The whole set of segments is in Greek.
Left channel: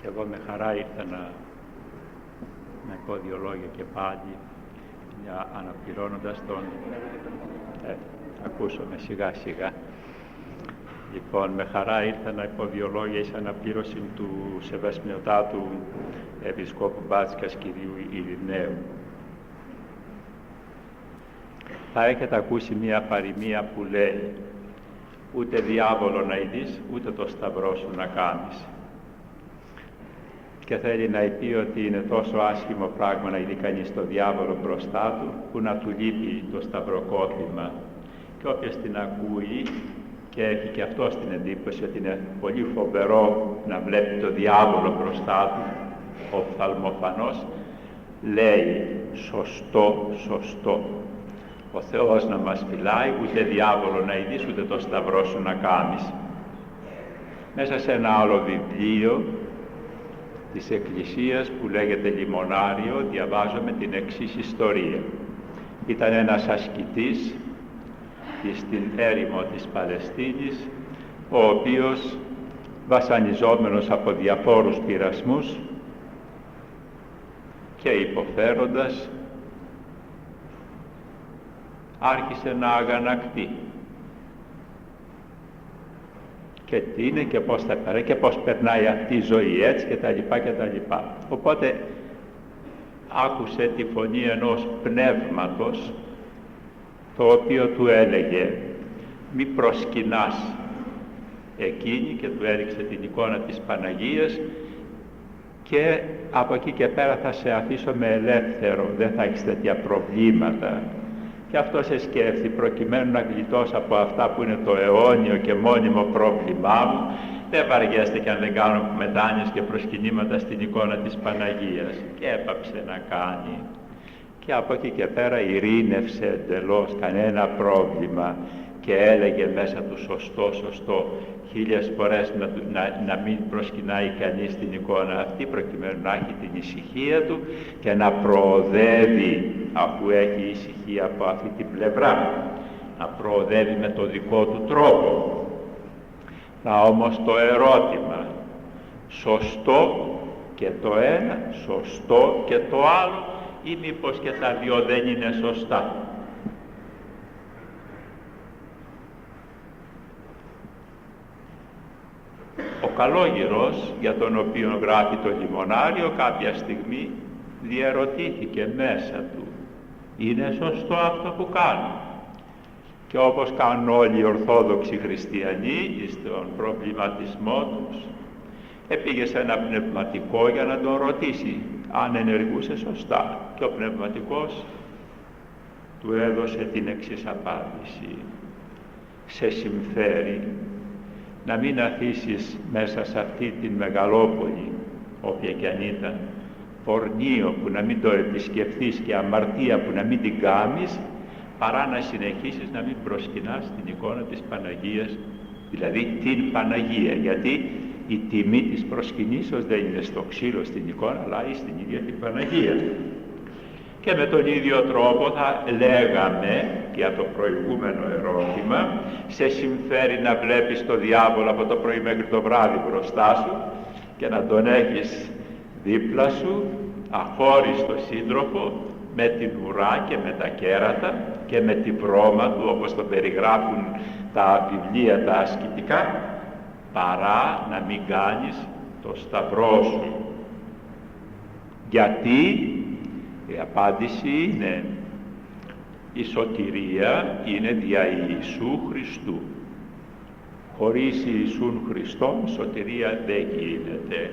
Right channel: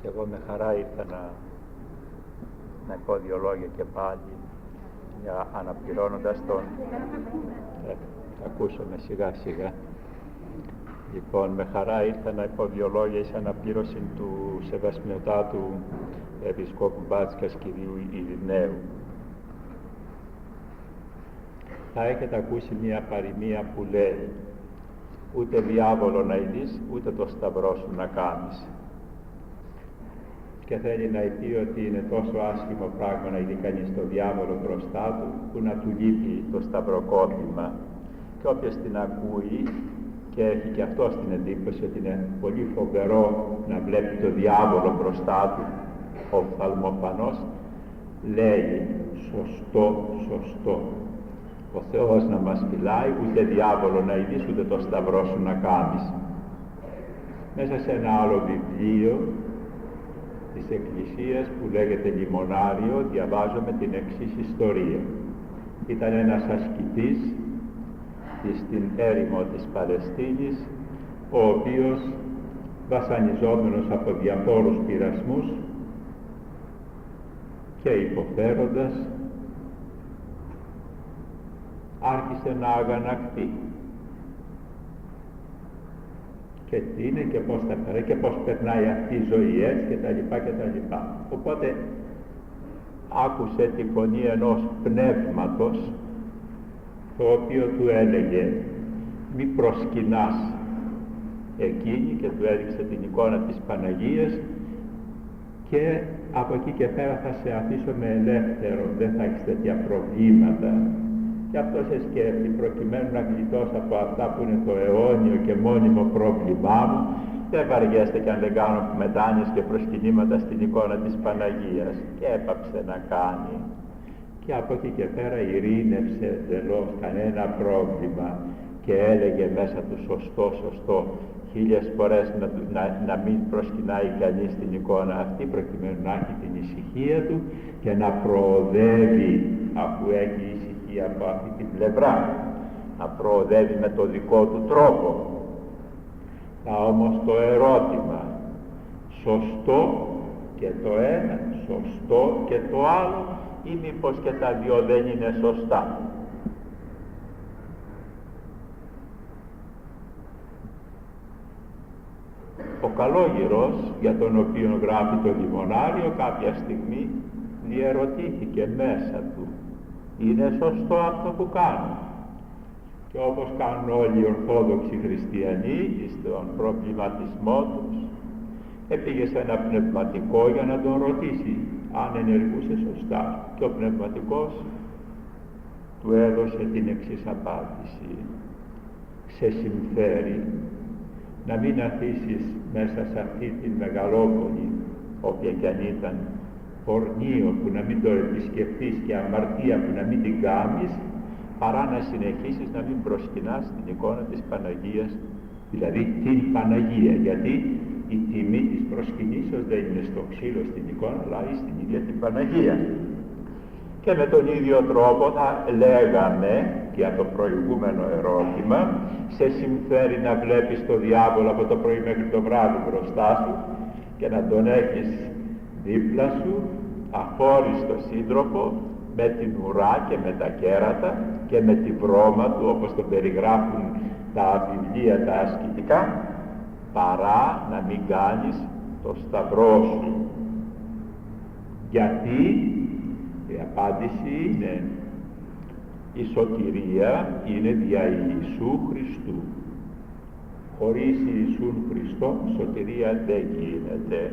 Και εγώ με χαρά ήρθα να πω δύο λόγια και πάλι, αναπληρώνοντας τον... ακούσαμε σιγά σιγά. Λοιπόν, με χαρά ήρθα να πω δύο λόγια εις αναπλήρωση του Σεβασμιωτάτου Επισκόπου Μπάτσκας κυρίου Ειρηναίου. Θα έχετε ακούσει μία παροιμία που λέει «Ούτε διάβολο να ειδείς, ούτε το σταυρό σου να κάνεις». Και θέλει να πει ότι είναι τόσο άσχημο πράγμα να ειδεί κανείς το διάβολο μπροστά του, που να του λείπει το σταυροκόπημα. Και όποιος την ακούει και έχει και αυτό την εντύπωση ότι είναι πολύ φοβερό να βλέπει το διάβολο μπροστά του, ο οφθαλμοφανός, λέει «Σωστό, σωστό». Ο Θεός να μας φυλάει, ούτε διάβολο να ειδείς, ούτε το σταυρό σου να κάνεις. Μέσα σε ένα άλλο βιβλίο της Εκκλησίας που λέγεται Λιμονάριο, διαβάζουμε την εξής ιστορία. Ήταν ένας ασκητής στην έρημο της Παλαιστίνης, ο οποίος βασανιζόμενος από διαφόρους πειρασμούς και υποφέροντας, άρχισε να αγανακτεί. Και τι είναι και πώς θα περνάει και πώς περνάει αυτή η ζωή έτσι και τα λοιπά και τα λοιπά. Οπότε άκουσε τη φωνή ενός πνεύματος, το οποίο του έλεγε «Μη προσκυνάς εκείνη», και του έδειξε την εικόνα της Παναγίας, και από εκεί και πέρα θα σε αφήσω με ελεύθερο, δεν θα έχεις τέτοια προβλήματα. Και αυτό σε σκέφτει, προκειμένου να γλιτώσω από αυτά που είναι το αιώνιο και μόνιμο πρόβλημά μου, δεν βαριέστε και αν δεν κάνω μετάνοιες και προσκυνήματα στην εικόνα της Παναγίας. Και έπαψε να κάνει. Και από εκεί και πέρα ειρήνευσε εντελώς, κανένα πρόβλημα, και έλεγε μέσα του «Σωστό, σωστό». 1000 φορές να μην προσκυνάει κανείς την εικόνα αυτή, προκειμένου να έχει την ησυχία του και να προοδεύει, αφού έχει ησυχία από αυτή την πλευρά, να προοδεύει με το δικό του τρόπο. Να όμως το ερώτημα, σωστό και το ένα, σωστό και το άλλο, ή μήπως και τα δύο δεν είναι σωστά? Ο Καλόγυρος, για τον οποίο γράφει το Λιμονάριο, κάποια στιγμή διερωτήθηκε μέσα του, είναι σωστό αυτό που κάνω? Και όπως κάνουν όλοι οι Ορθόδοξοι Χριστιανοί στον προβληματισμό τους, πήγε σε ένα πνευματικό για να τον ρωτήσει αν ενεργούσε σωστά, και ο πνευματικός του έδωσε την εξής απάντηση: σε συμφέρει να μην αφήσεις μέσα σε αυτή την μεγαλόπολη, όποια και αν ήταν, πορνείο που να μην το επισκεφθείς και αμαρτία που να μην την κάνεις, παρά να συνεχίσεις να μην προσκυνάς την εικόνα της Παναγίας, δηλαδή την Παναγία, γιατί η τιμή της προσκυνήσεως δεν είναι στο ξύλο στην εικόνα, αλλά στην ίδια την Παναγία. Και με τον ίδιο τρόπο θα λέγαμε για το προηγούμενο ερώτημα, σε συμφέρει να βλέπεις το διάβολο από το πρωί μέχρι το βράδυ μπροστά σου και να τον έχεις δίπλα σου, αχώριστο σύντροφο, με την ουρά και με τα κέρατα και με τη βρώμα του, όπως το περιγράφουν τα βιβλία τα ασκητικά, παρά να μην κάνεις το σταυρό σου. Γιατί? Η απάντηση είναι η σωτηρία είναι δια Ιησού Χριστού. Χωρίς Ιησούν Χριστόν σωτηρία δεν γίνεται.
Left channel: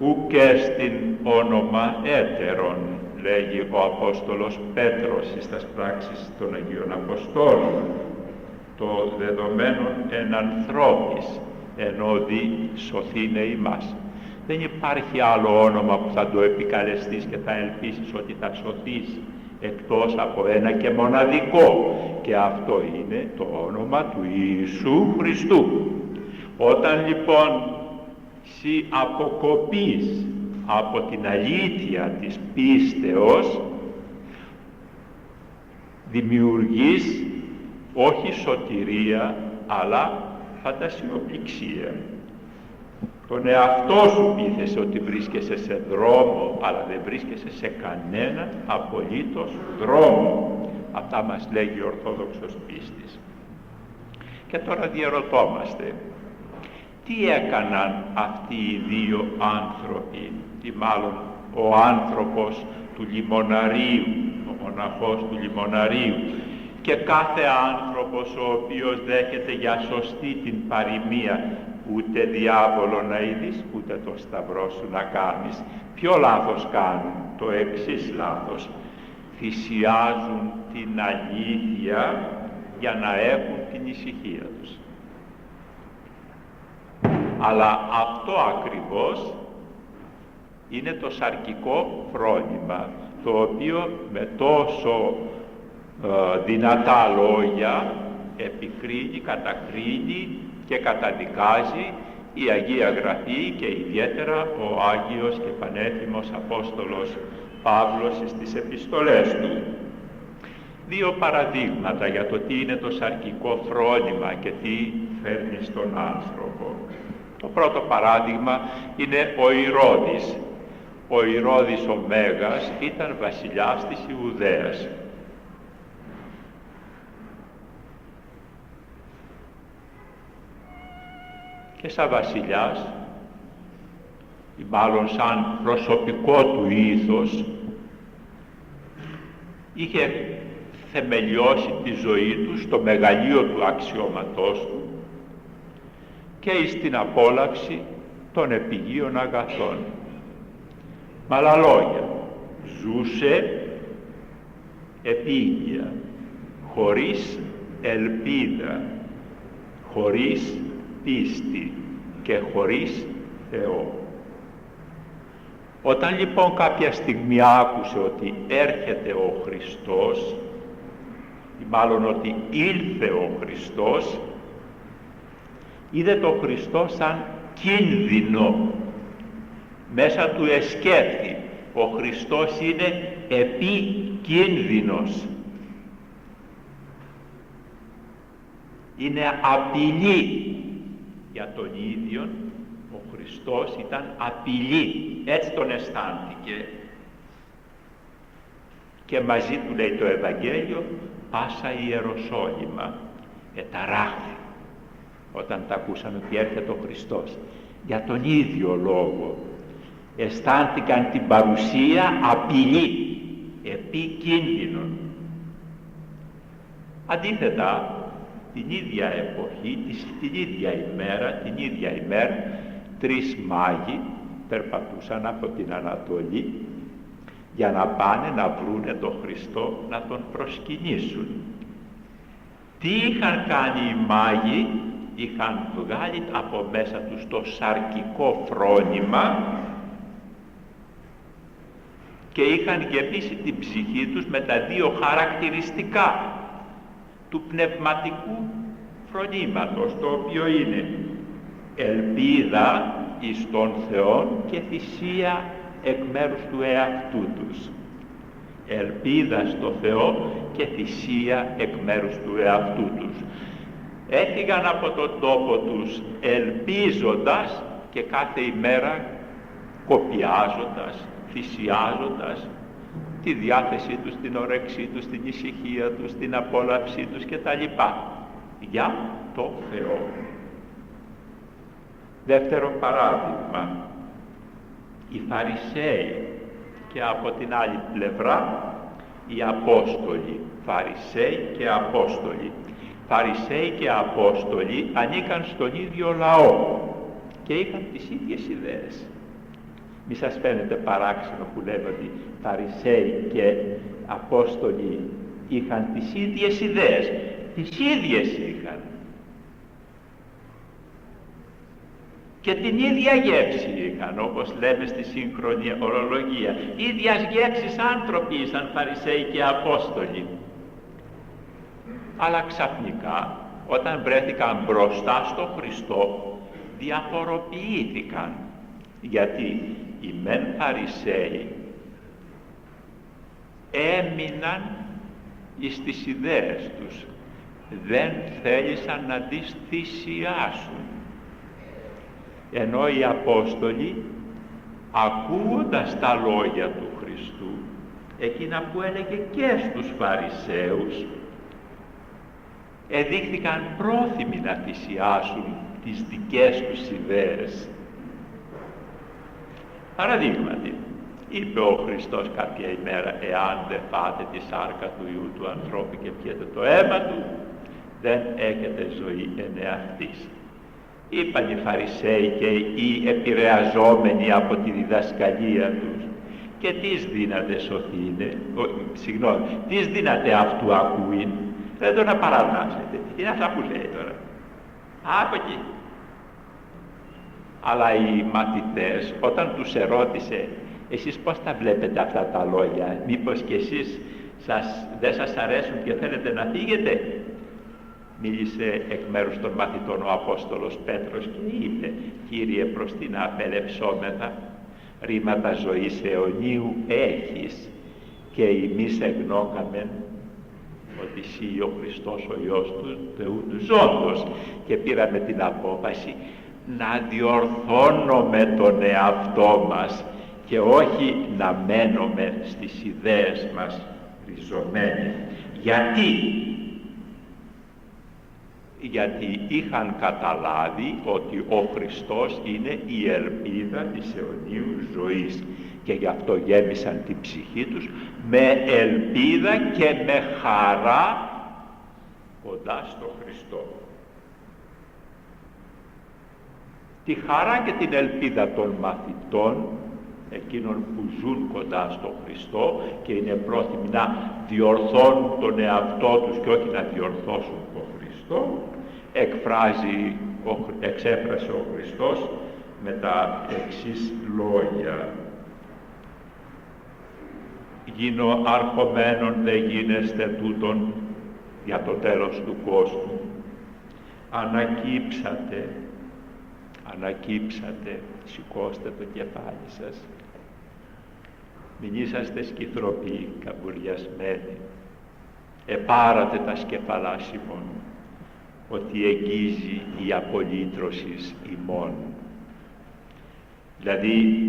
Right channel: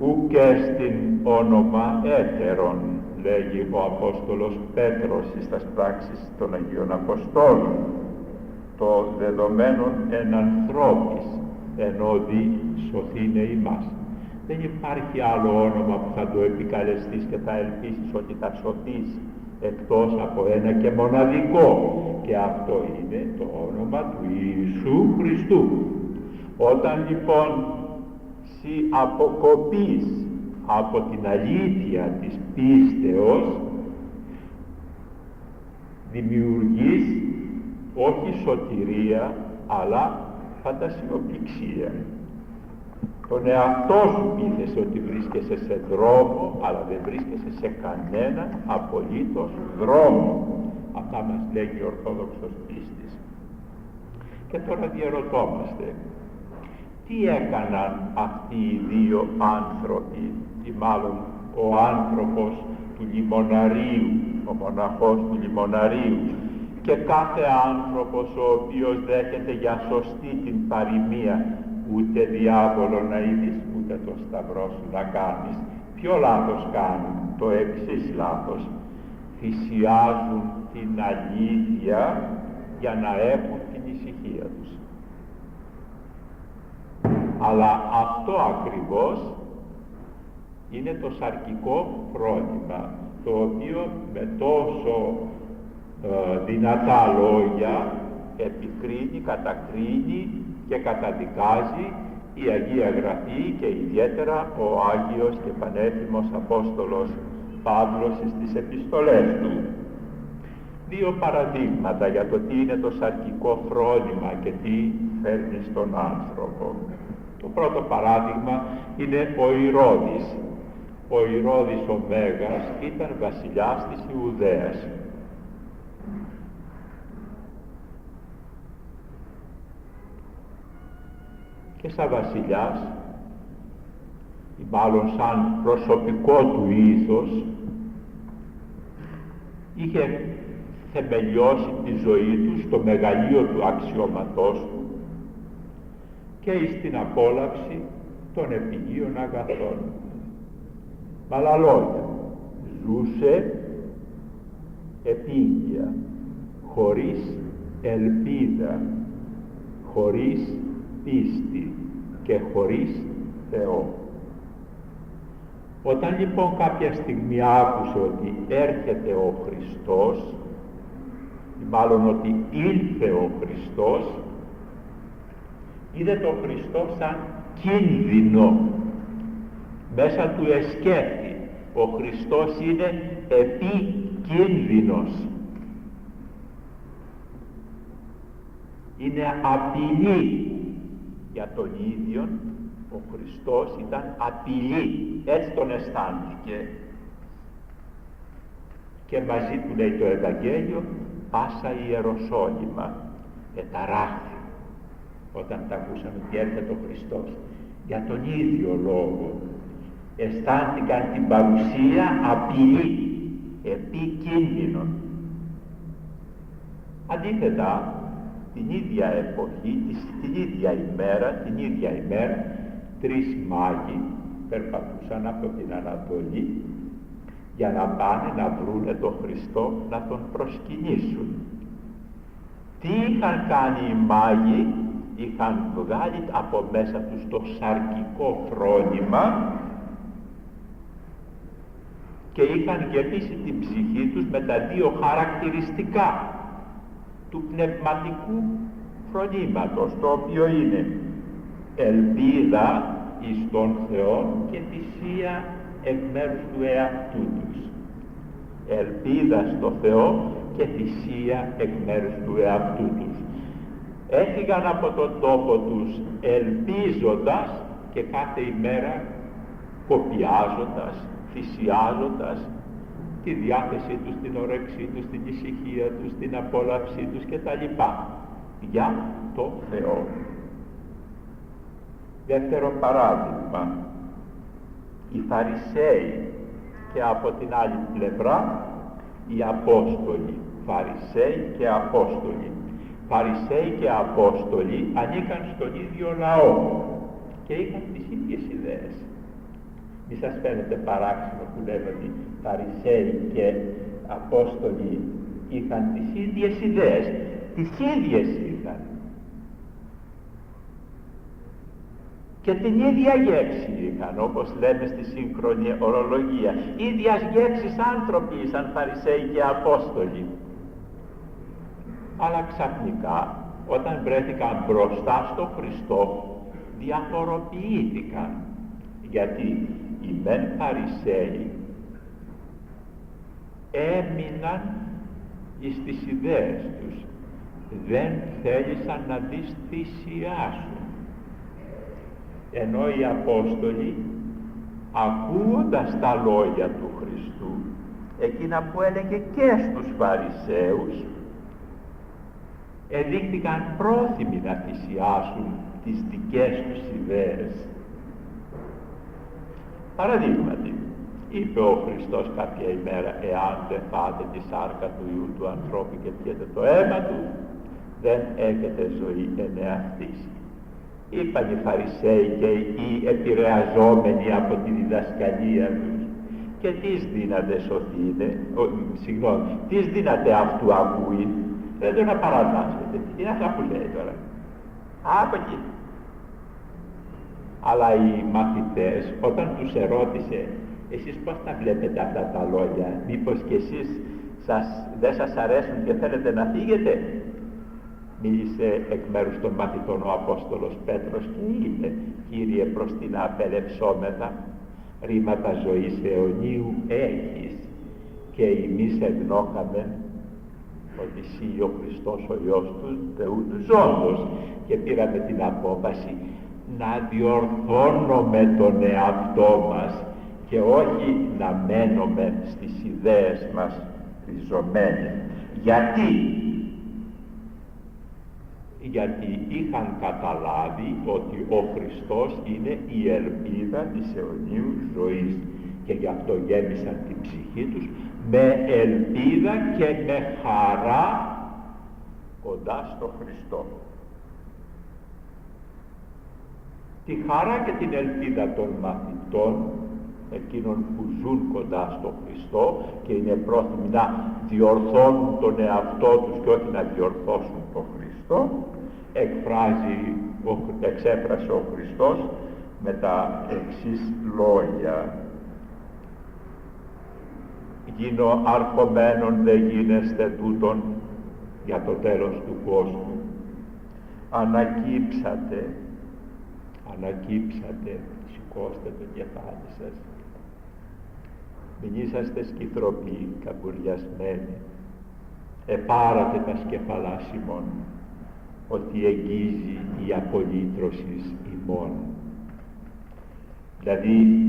Ουκ στην όνομα έτερον, λέγει ο Απόστολος Πέτρος στις πράξεις των Αγίων Αποστόλων, το δεδομένο εν ανθρώπης, ενώ δι σωθήνε ημάς. Δεν υπάρχει άλλο όνομα που θα το επικαλεστείς και θα ελπίσεις ότι θα σωθείς, εκτός από ένα και μοναδικό, και αυτό είναι το όνομα του Ιησού Χριστού. Όταν λοιπόν σοι αποκοπείς από την αλήθεια της πίστεως, δημιουργείς όχι σωτηρία αλλά φαντασιοπληξία. Τον εαυτό σου πείθεσαι ότι βρίσκεσαι σε δρόμο, αλλά δεν βρίσκεσαι σε κανέναν απολύτως δρόμο. Αυτά μας λέγει ο Ορθόδοξος πίστης. Και τώρα διερωτόμαστε, τι έκαναν αυτοί οι δύο άνθρωποι, ή μάλλον ο άνθρωπος του Λιμωναρίου, ο μοναχός του Λιμωναρίου, και κάθε άνθρωπος ο οποίος δέχεται για σωστή την παροιμία, ούτε διάβολο να είδεις, ούτε το σταυρό σου να κάνεις. Ποιο λάθος κάνουν? Το εξής λάθος. Θυσιάζουν την αλήθεια για να έχουν την ησυχία τους. Αλλά αυτό ακριβώς είναι το σαρκικό φρόνημα, το οποίο με τόσο δυνατά λόγια επικρίνει, κατακρίνει και καταδικάζει η Αγία Γραφή και ιδιαίτερα ο Άγιος και Πανέθυμος Απόστολος Παύλος στις επιστολές του. Δύο παραδείγματα για το τι είναι το σαρκικό φρόνημα και τι φέρνει στον άνθρωπο. Το πρώτο παράδειγμα είναι ο Ηρώδης. Ο Ηρώδης ο Μέγας ήταν βασιλιάς της Ιουδαίας. Και σαν βασιλιάς, ή μάλλον σαν προσωπικό του ήθος, είχε θεμελιώσει τη ζωή του στο μεγαλείο του αξιώματός του και εις την απόλαυση των επιγείων αγαθών. Με άλλα λόγια, ζούσε επίγεια, χωρίς ελπίδα, χωρίς πίστη και χωρίς Θεό. Όταν λοιπόν κάποια στιγμή άκουσε ότι έρχεται ο Χριστός, ή μάλλον ότι ήλθε ο Χριστός, είδε τον Χριστό σαν κίνδυνο. Μέσα του εσκέφθη, ο Χριστός είναι επικίνδυνος. Είναι απειλή για τον ίδιον. Ο Χριστός ήταν απειλή, έτσι τον αισθάνθηκε. Και μαζί του, λέει το Ευαγγέλιο, πάσα η Ιεροσόλυμα εταράχθη όταν τα ακούσαμε ότι έρχεται ο Χριστός. Για τον ίδιο λόγο αισθάνθηκαν την παρουσία απειλή, επικίνδυνον. Αντίθετα, την ίδια εποχή, την ίδια ημέρα, τρεις μάγοι περπατούσαν από την Ανατολή για να πάνε να βρούνε τον Χριστό να τον προσκυνήσουν. Τι είχαν κάνει οι μάγοι? Είχαν βγάλει από μέσα τους το σαρκικό φρόνημα και είχαν γεμίσει την ψυχή τους με τα δύο χαρακτηριστικά του πνευματικού φρονήματος, το οποίο είναι ελπίδα εις τον Θεό και θυσία εκ μέρους του εαυτού τους. Ελπίδα στο Θεό και θυσία εκ μέρους του εαυτού τους. Έφυγαν από τον τόπο τους ελπίζοντας και κάθε ημέρα κοπιάζοντας, θυσιάζοντας τη διάθεσή τους, την όρεξή τους, την ησυχία τους, την απόλαυσή τους κτλ. Για το Θεό. Δεύτερο παράδειγμα, οι Φαρισαίοι και από την άλλη πλευρά οι Απόστολοι. Φαρισαίοι και Απόστολοι. Φαρισαίοι και Απόστολοι ανήκαν στον ίδιο λαό και είχαν τις ίδιες ιδέες. Μη σας φαίνεται παράξενο που λέμε ότι Φαρισαίοι και Απόστολοι είχαν τις ίδιες ιδέες. Τις ίδιες είχαν. Και την ίδια γεύση είχαν, όπως λέμε στη σύγχρονη ορολογία. Ίδιας γεύσης άνθρωποι ήσαν Φαρισαίοι και Απόστολοι. Αλλά ξαφνικά, όταν βρέθηκαν μπροστά στο Χριστό, διαφοροποιήθηκαν. Γιατί οι μεν Φαρισαίοι έμειναν εις τις ιδέες τους, δεν θέλησαν να τις θυσιάσουν. ενώ οι Απόστολοι, ακούγοντας τα λόγια του Χριστού, εκείνα που έλεγε και στους Φαρισαίους, εδείχθηκαν πρόθυμοι να θυσιάσουν τις δικές τους ιδέες. Παραδείγματι, είπε ο Χριστός κάποια ημέρα, εάν δεν φάτε τη σάρκα του Υιού του ανθρώπου και πιείτε το αίμα του, δεν έχετε ζωή εν εαυτής. Είπαν οι Φαρισαίοι και οι επηρεαζόμενοι από τη διδασκαλία τους, και τις δύναται σωθείτε, τις δύναται αυτού ακούειν, δεν τον απαρατάσετε. Είναι αυτά που λέει τώρα. Από εκεί. Αλλά οι μαθητές, όταν τους ερώτησε, εσείς πώς τα βλέπετε αυτά τα λόγια, μήπως και εσείς δεν σας αρέσουν και θέλετε να φύγετε? Μίλησε εκ μέρους των μαθητών ο Απόστολος Πέτρος και είπε, Κύριε, προς τι να απελευσόμεθα, ρήματα ζωής αιωνίου έχεις, και εμείς εγνώκαμεν ότι εσύ ο Χριστός ο Υιός του Θεού του ζώντος, και πήραμε την απόφαση να διορθώνουμε τον εαυτό μας και όχι να μένουμε στις ιδέες μας ριζωμένοι. Γιατί είχαν καταλάβει ότι ο Χριστός είναι η ελπίδα της αιωνίου ζωής, και γι' αυτό γέμισαν την ψυχή τους με ελπίδα και με χαρά κοντά στο Χριστό. Τη χαρά και την ελπίδα των μαθητών, εκείνων που ζουν κοντά στο Χριστό και είναι πρόθυμοι να διορθώνουν τον εαυτό τους και όχι να διορθώσουν τον Χριστό, εξέφρασε ο Χριστός με τα εξής λόγια. Γίνω αρχομένων δε γίνεστε τούτον για το τέλος του κόσμου. Ανακύψατε, σηκώστε το κεφάλι σας. Μην είσαστε σκυθροποί, καμπουριασμένοι. Επάρατε τα σκεφαλά ημών, ότι εγγίζει η απολύτρωσης ημών. Δηλαδή,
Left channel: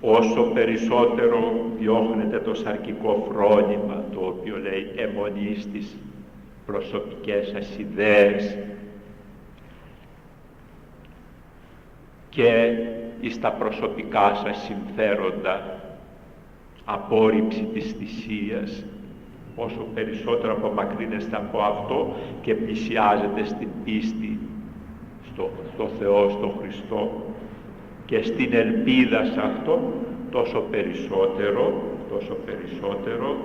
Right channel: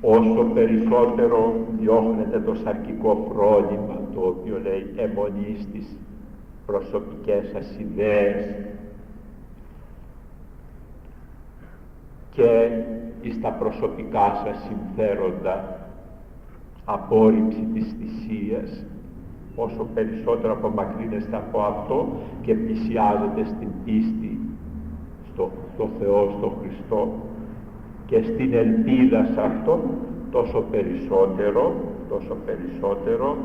όσο περισσότερο διώχνετε το σαρκικό φρόνημα, το οποίο λέει αιμονή στις προσωπικές σας ιδέες και στα προσωπικά σας συμφέροντα, απόρριψη της θυσίας, όσο περισσότερο απομακρύνεστε από αυτό και πλησιάζετε στην πίστη στο Θεό, στο Χριστό και στην ελπίδα σε αυτό, τόσο περισσότερο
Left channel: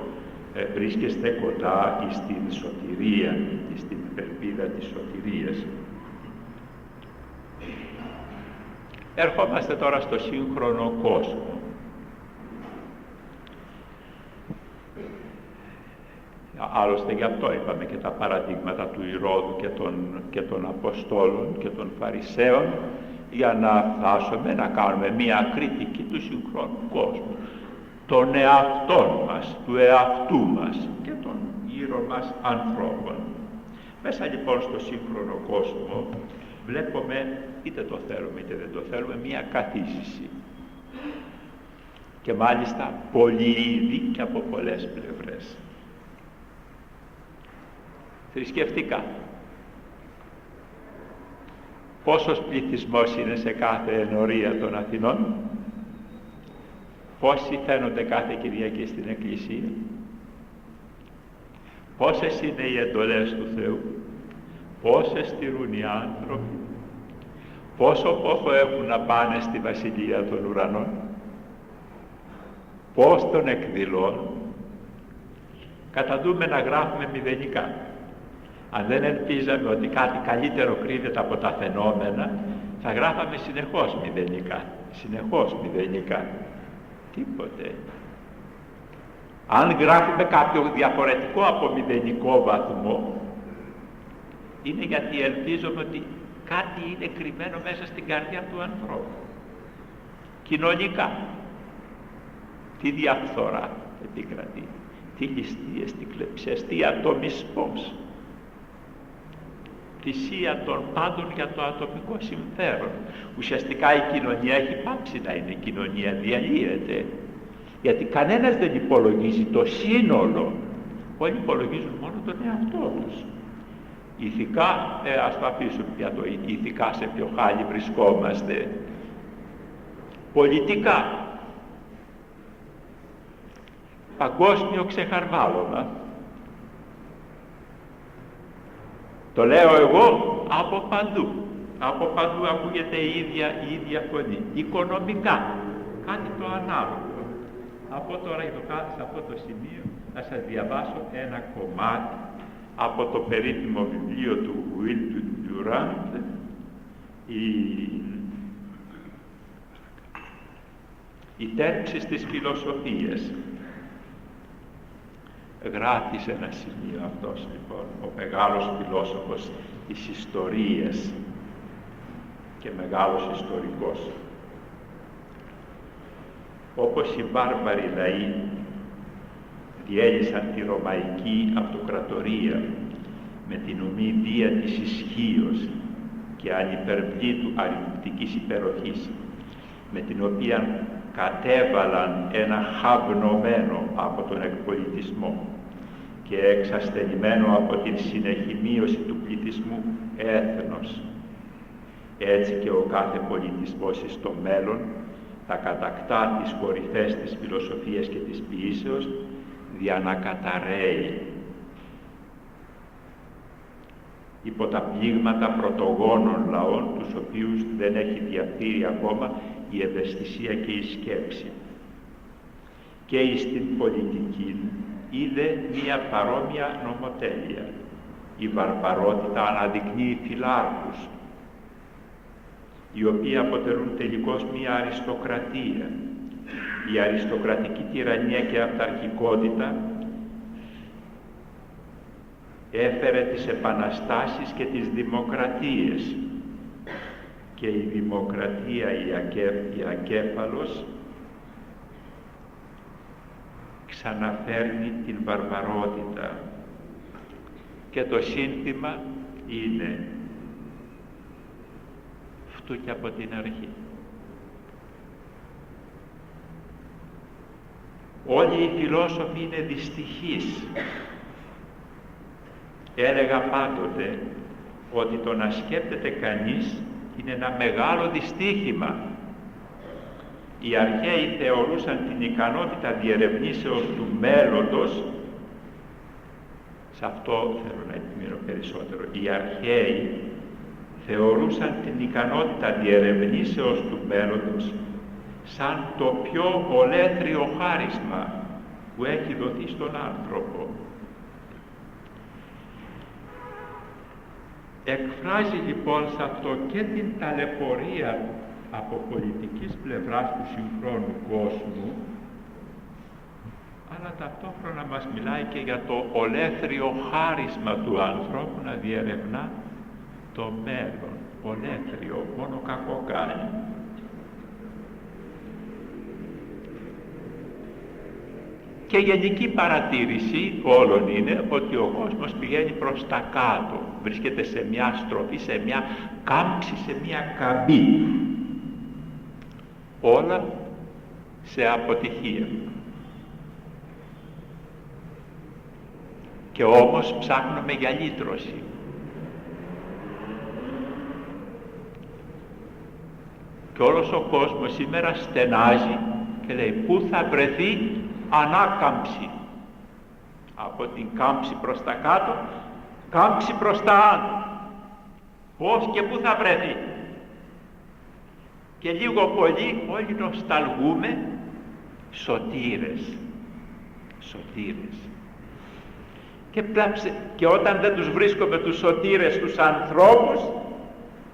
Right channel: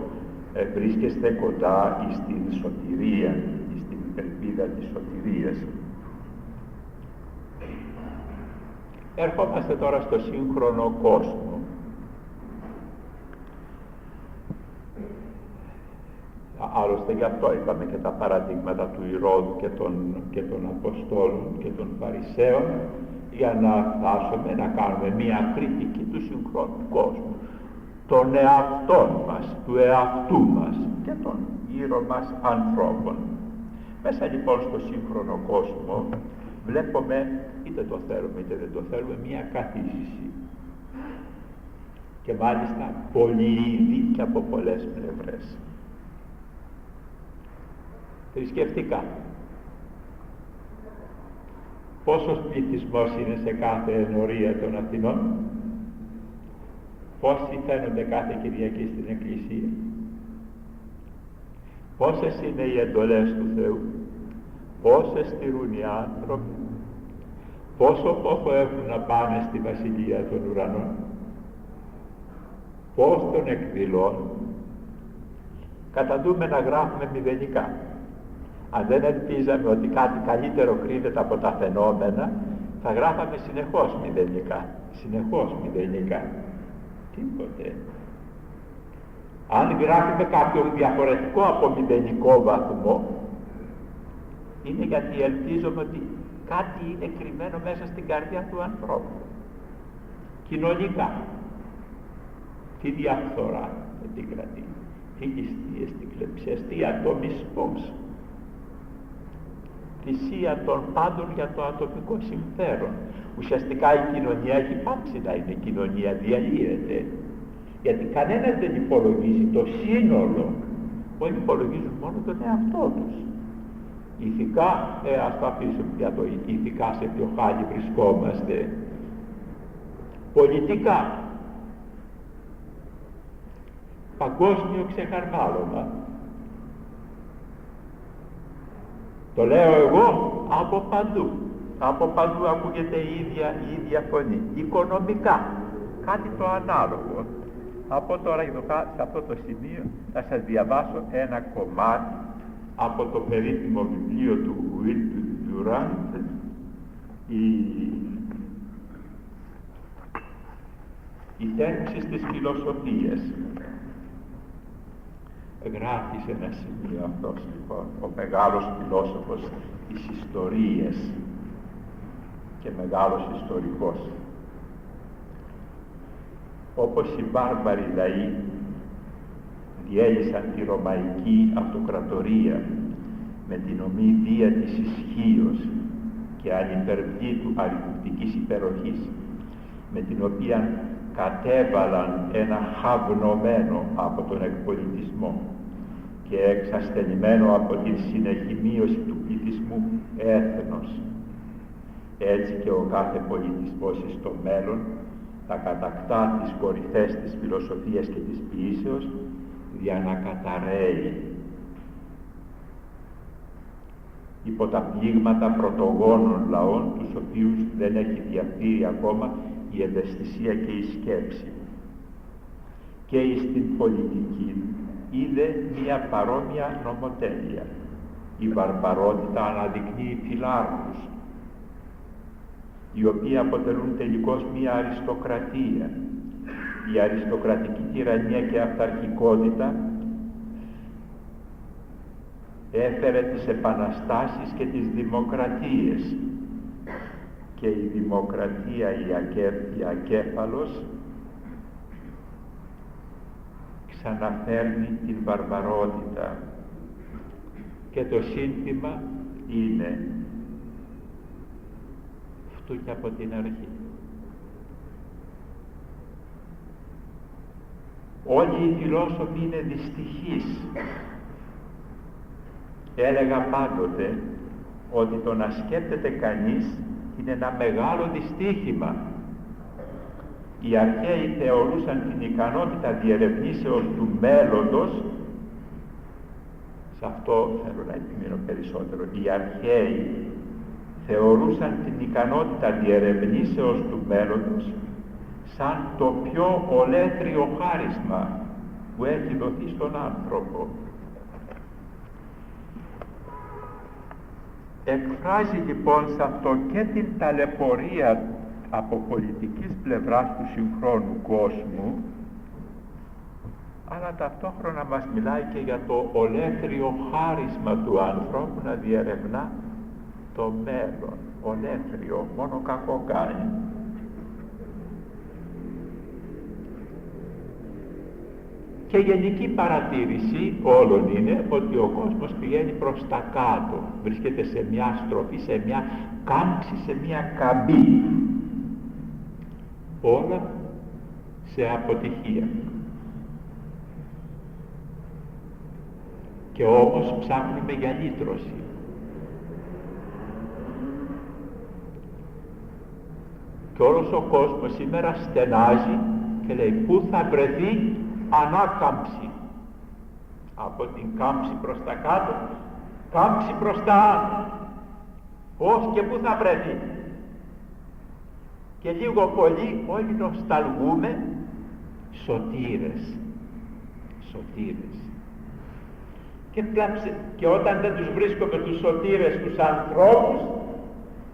βρίσκεστε κοντά στην σωτηρία, στην ελπίδα της σωτηρίας. Ερχόμαστε τώρα στο σύγχρονο κόσμο. Άλλωστε γι' αυτό είπαμε και τα παραδείγματα του Ηρώδου και των Αποστόλων και των Φαρισαίων, για να φτάσουμε να κάνουμε μία κριτική του συγχρόνου κόσμου, των εαυτών μας, του εαυτού μας και των γύρω μας ανθρώπων. Μέσα λοιπόν στο σύγχρονο κόσμο βλέπουμε, είτε το θέλουμε είτε δεν το θέλουμε, μία καθίσηση, και μάλιστα πολυείδη και από πολλές πλευρές. Θρησκευτικά, πόσος πληθυσμός είναι σε κάθε ενορία των Αθηνών, πόσοι φαίνονται κάθε Κυριακή στην Εκκλησία, πόσες είναι οι εντολές του Θεού, πόσες στηρούν οι άνθρωποι, πόσο πόχο έχουν να πάνε στη Βασιλεία των Ουρανών, πώς τον εκδηλώνουν. Καταντούμε να γράφουμε μηδενικά. Αν δεν ελπίζαμε ότι κάτι καλύτερο κρύβεται από τα φαινόμενα, θα γράφαμε συνεχώς μηδενικά. Τίποτε. Αν γράφουμε κάποιο διαφορετικό από μηδενικό βαθμό, είναι γιατί ελπίζουμε ότι κάτι είναι κρυμμένο μέσα στην καρδιά του ανθρώπου. Κοινωνικά, τι διαφθορά επικρατεί, τι ληστείες, τι κλεψές, τι ατομισμός. θυσία των πάντων για το ατομικό συμφέρον. Ουσιαστικά η κοινωνία έχει πάψει να είναι, η κοινωνία διαλύεται, γιατί κανένας δεν υπολογίζει το σύνολο, όλοι υπολογίζουν μόνο τον εαυτό τους. Ηθικά, ας το αφήσουμε για το ηθικά σε ποιο χάλι βρισκόμαστε. Πολιτικά, παγκόσμιο ξεχαρβάλωμα. Το λέω εγώ από παντού. Από παντού ακούγεται η ίδια φωνή. Οικονομικά, κάτι το ανάλογο. Από τώρα σε αυτό το σημείο θα σας διαβάσω ένα κομμάτι από το περίφημο βιβλίο του Will Durant, «Η τέρψη της φιλοσοφίας». Γράφει σε ένα σημείο αυτός λοιπόν ο μεγάλος φιλόσοφος της ιστορίας και μεγάλος ιστορικός. Όπως οι βάρβαροι λαοί διέλυσαν τη Ρωμαϊκή Αυτοκρατορία με την ομή βία της ισχύος και ανυπερβλήτου αριθμητικής υπεροχής, με την οποία κατέβαλαν ένα χαυνομένο από τον εκπολιτισμό και εξασθενημένο από την συνεχή μείωση του πληθυσμού έθνος. Έτσι και ο κάθε πολιτισμός στο μέλλον θα κατακτά τις κορυφές της φιλοσοφίας και της ποιήσεως για να καταρρέει υπό τα πλήγματα πρωτογόνων λαών, τους οποίους δεν έχει διαφθείρει ακόμα η ευαισθησία και η σκέψη. Και στην πολιτική είδε μία παρόμοια νομοτέλεια. Η βαρβαρότητα αναδεικνύει φυλάρχους, οι οποίοι αποτελούν τελικώς μία αριστοκρατία. Η αριστοκρατική τυραννία και αυταρχικότητα έφερε τις επαναστάσεις και τις δημοκρατίες, και η δημοκρατία η ακέφαλος ξαναφέρνει την βαρβαρότητα, και το σύνθημα είναι φτού και από την αρχή. Όλοι οι φιλόσοφοι είναι δυστυχείς. Έλεγα πάντοτε ότι το να σκέπτεται κανείς είναι ένα μεγάλο δυστύχημα. Οι αρχαίοι θεωρούσαν την ικανότητα διερευνήσεως του μέλλοντος, σε αυτό θέλω να επιμείνω περισσότερο, οι αρχαίοι θεωρούσαν την ικανότητα διερευνήσεως του μέλλοντος σαν το πιο ολέθριο χάρισμα που έχει δοθεί στον άνθρωπο. Εκφράζει λοιπόν σε αυτό και την ταλαιπωρία από πολιτικής πλευράς του συγχρόνου κόσμου, αλλά ταυτόχρονα μας μιλάει και για το ολέθριο χάρισμα του ανθρώπου να διερευνά το μέλλον. Ολέθριο, μόνο κακό κάνει. Και γενική παρατήρηση όλων είναι ότι ο κόσμος πηγαίνει προς τα κάτω, βρίσκεται σε μια στροφή, σε μια κάμψη, σε μια καμπή. Όλα σε αποτυχία. Και όμως ψάχνουμε για λύτρωση. Και όλος ο κόσμος σήμερα στενάζει και λέει πού θα βρεθεί ανάκαμψη. Από την κάμψη προς τα κάτω, κάμψη προς τα άνω. Πώς και πού θα βρεθεί. Και λίγο πολύ όλοι νοσταλγούμε σωτήρες. Σωτήρες. Και όταν δεν τους βρίσκουμε τους σωτήρες, τους ανθρώπους,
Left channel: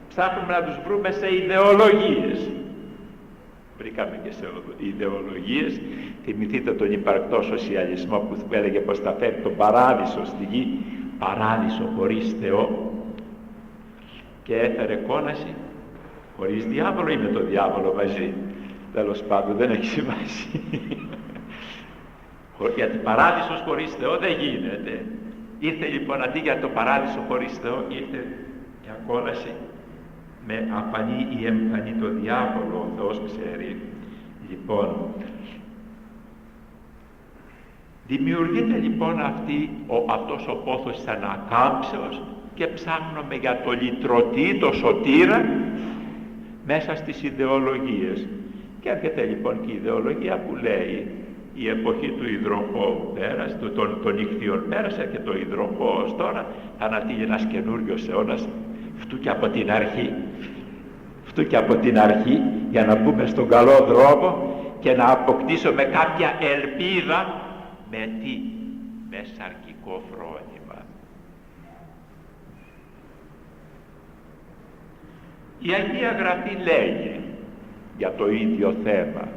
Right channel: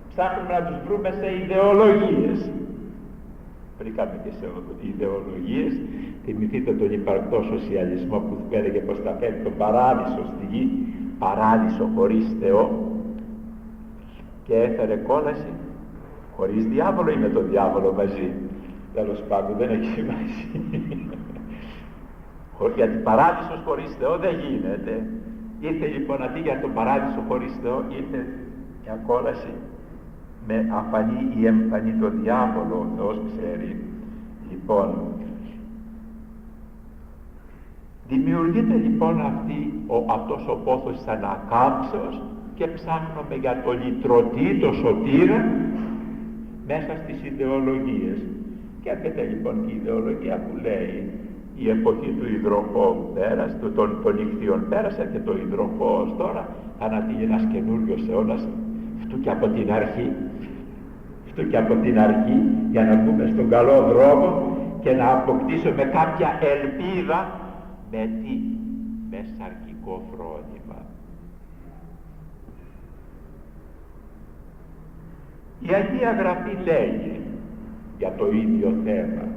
ψάχνουμε να τους βρούμε σε ιδεολογίες. Βρήκαμε και σε ιδεολογίες. Θυμηθείτε τον υπαρκτό σοσιαλισμό που έλεγε πως θα φέρει τον παράδεισο στη γη, παράδεισο χωρίς Θεό, και έφερε κόλαση χωρίς διάβολο ή με τον διάβολο μαζί. Τέλος πάντων δεν έχει σημασία. Γιατί παράδεισος χωρίς Θεό δεν γίνεται. Ήρθε λοιπόν αντί για τον παράδεισο χωρίς Θεό, ήρθε μια κόλαση με αφανή ή εμφανή το διάβολο, ο Θεός ξέρει. Λοιπόν, δημιουργείται λοιπόν αυτός ο πόθος της ανακάμψεως και ψάχνουμε για το λυτρωτή, το σωτήρα, μέσα στις ιδεολογίες. Και έρχεται λοιπόν και η ιδεολογία που λέει η εποχή του υδροχώου πέρασε, των ιχθύων πέρασε και το υδροχώος τώρα θα ανατείλει ένας καινούριος αιώνας, φτού και από την αρχή, για να μπούμε στον καλό δρόμο και να αποκτήσουμε κάποια ελπίδα με σαρκικό φρόνημα. Η Αγία Γραφή λέγει για το ίδιο θέμα.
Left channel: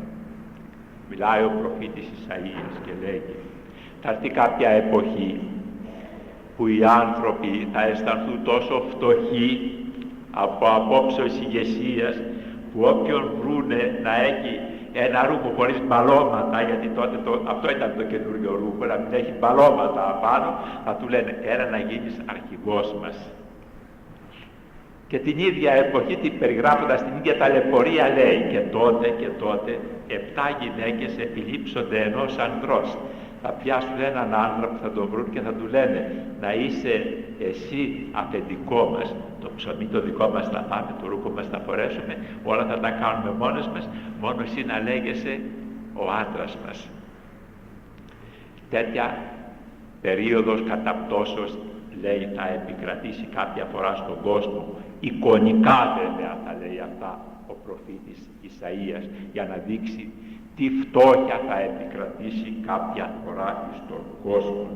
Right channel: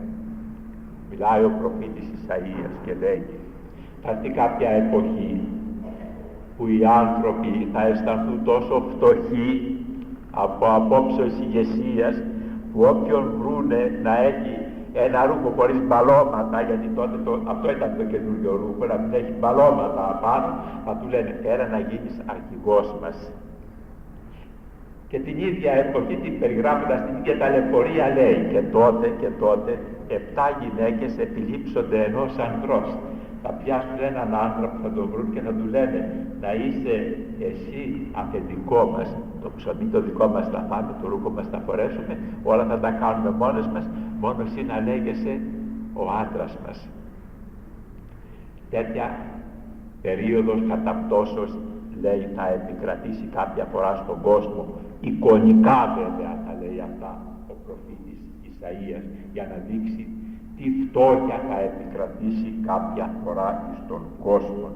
Μιλάει ο προφήτης Ισαΐας και λέγει: θα έρθει κάποια εποχή που οι άνθρωποι θα αισθανθούν τόσο φτωχοί από απόψεως ηγεσίας, που όποιον βρούνε να έχει ένα ρούχο χωρίς μπαλώματα, γιατί τότε αυτό ήταν το καινούριο ρούχο, να μην έχει μπαλώματα απάνω, θα του λένε έλα να γίνεις αρχηγός μας. Και την ίδια εποχή, την περιγράφοντας την ίδια ταλαιπωρία, λέει και τότε 7 γυναίκες επιλήψονται ενός ανδρός. Θα πιάσουν έναν άνθρωπο, θα τον βρουν και θα του λένε να είσαι εσύ αφεντικό μας, το ψωμί το δικό μας θα φάμε, το ρούχο μας θα φορέσουμε, όλα θα τα κάνουμε μόνες μας, μόνο εσύ να λέγεσαι ο άντρας μας. Τέτοια περίοδος καταπτώσεως, λέει, θα επικρατήσει κάποια φορά στον κόσμο, εικονικά βέβαια θα λέει αυτά ο προφήτης Ισαΐας, για να δείξει τι φτώχεια θα επικρατήσει κάποια φορά στον κόσμο.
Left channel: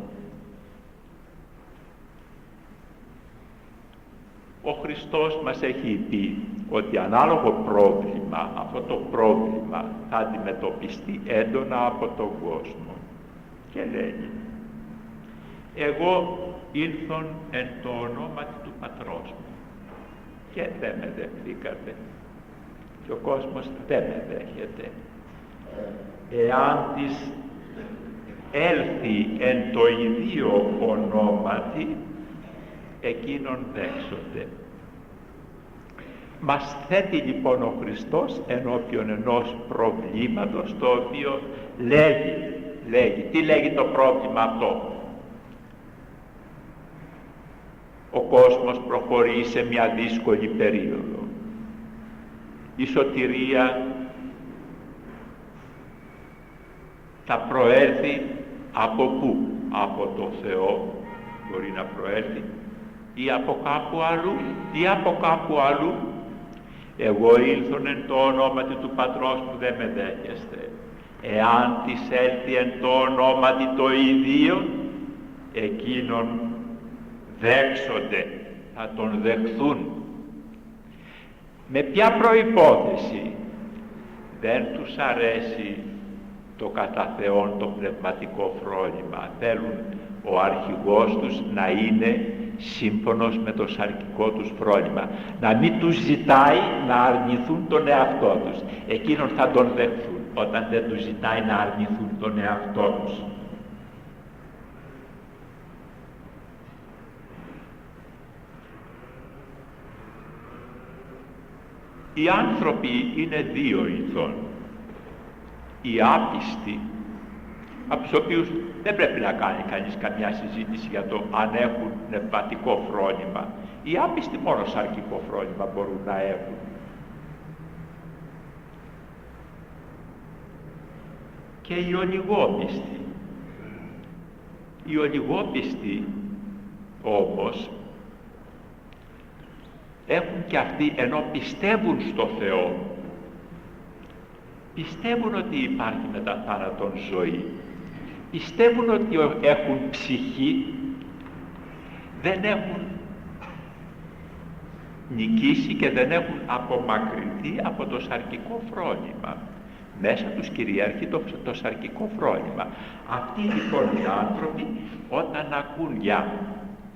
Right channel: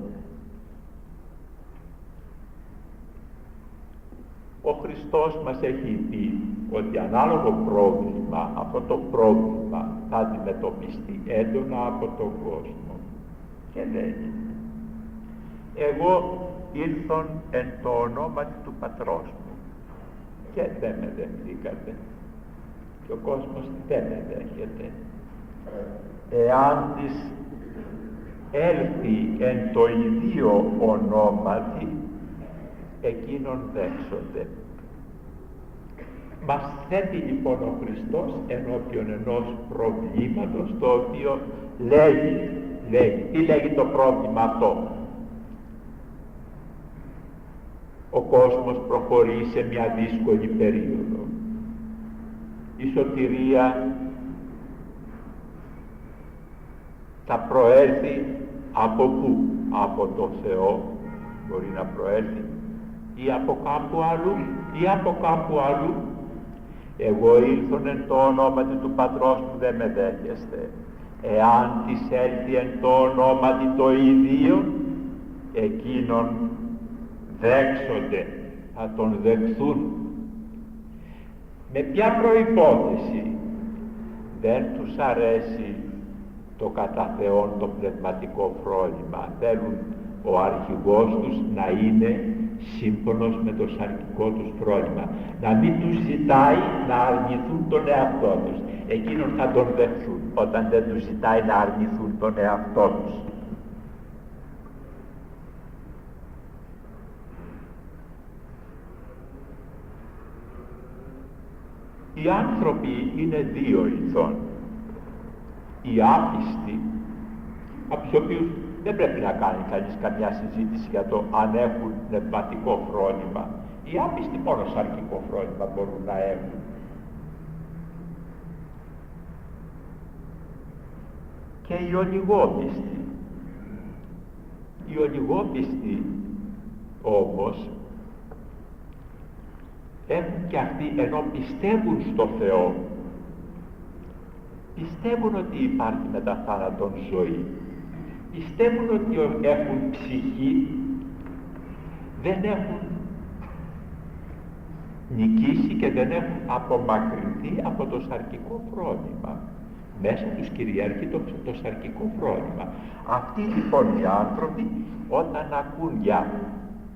Ο Χριστός μας έχει πει ότι ανάλογο πρόβλημα, αυτό το πρόβλημα θα αντιμετωπιστεί έντονα από τον κόσμο. Και λέγει: εγώ ήλθον εν το ονόματι του Πατρός μου και δεν με δεχθήκατε και ο κόσμος δεν με δέχεται. Εάν της έλθει εν το ιδίο ονόματι, εκείνον δέξονται. Μας θέτει λοιπόν ο Χριστός ενώπιον ενός προβλήματος, το οποίο λέγει. Τι λέγει το πρόβλημα αυτό? Ο κόσμος προχωρεί σε μια δύσκολη περίοδο. Η σωτηρία θα προέλθει από πού? Από το Θεό μπορεί να προέλθει, ή από κάπου αλλού. Εγώ ήλθον εν το ονόματι του Πατρός μου, δεν με δέχεστε. Εάν της έλθει εν το ονόματι το ιδίον, εκείνον δέξονται, θα τον δεχθούν. Με ποια προϋπόθεση? Δεν τους αρέσει το κατά Θεόν το πνευματικό φρόνημα. Θέλουν ο αρχηγός τους να είναι σύμφωνος με το σαρκικό τους φρόνημα, να μην τους ζητάει να αρνηθούν τον εαυτό τους. Εκείνον θα τον δεχθούν όταν δεν τους ζητάει να αρνηθούν τον εαυτό τους. Οι άνθρωποι είναι δύο ειδών. Οι άπιστοι, από τους οποίους δεν πρέπει να κάνει κανείς καμιά συζήτηση για το αν έχουν πνευματικό φρόνημα. Οι άπιστοι μόνο σαρκικό φρόνημα μπορούν να έχουν. Και οι ολιγόπιστοι. Οι ολιγόπιστοι όμως έχουν και αυτοί, ενώ πιστεύουν στο Θεό, πιστεύουν ότι υπάρχει μετά θάνατον ζωή, πιστεύουν ότι έχουν ψυχή, δεν έχουν νικήσει και δεν έχουν απομακρυνθεί από το σαρκικό φρόνημα. Μέσα τους κυριαρχεί το σαρκικό φρόνημα. Αυτοί λοιπόν οι άνθρωποι, όταν ακούν για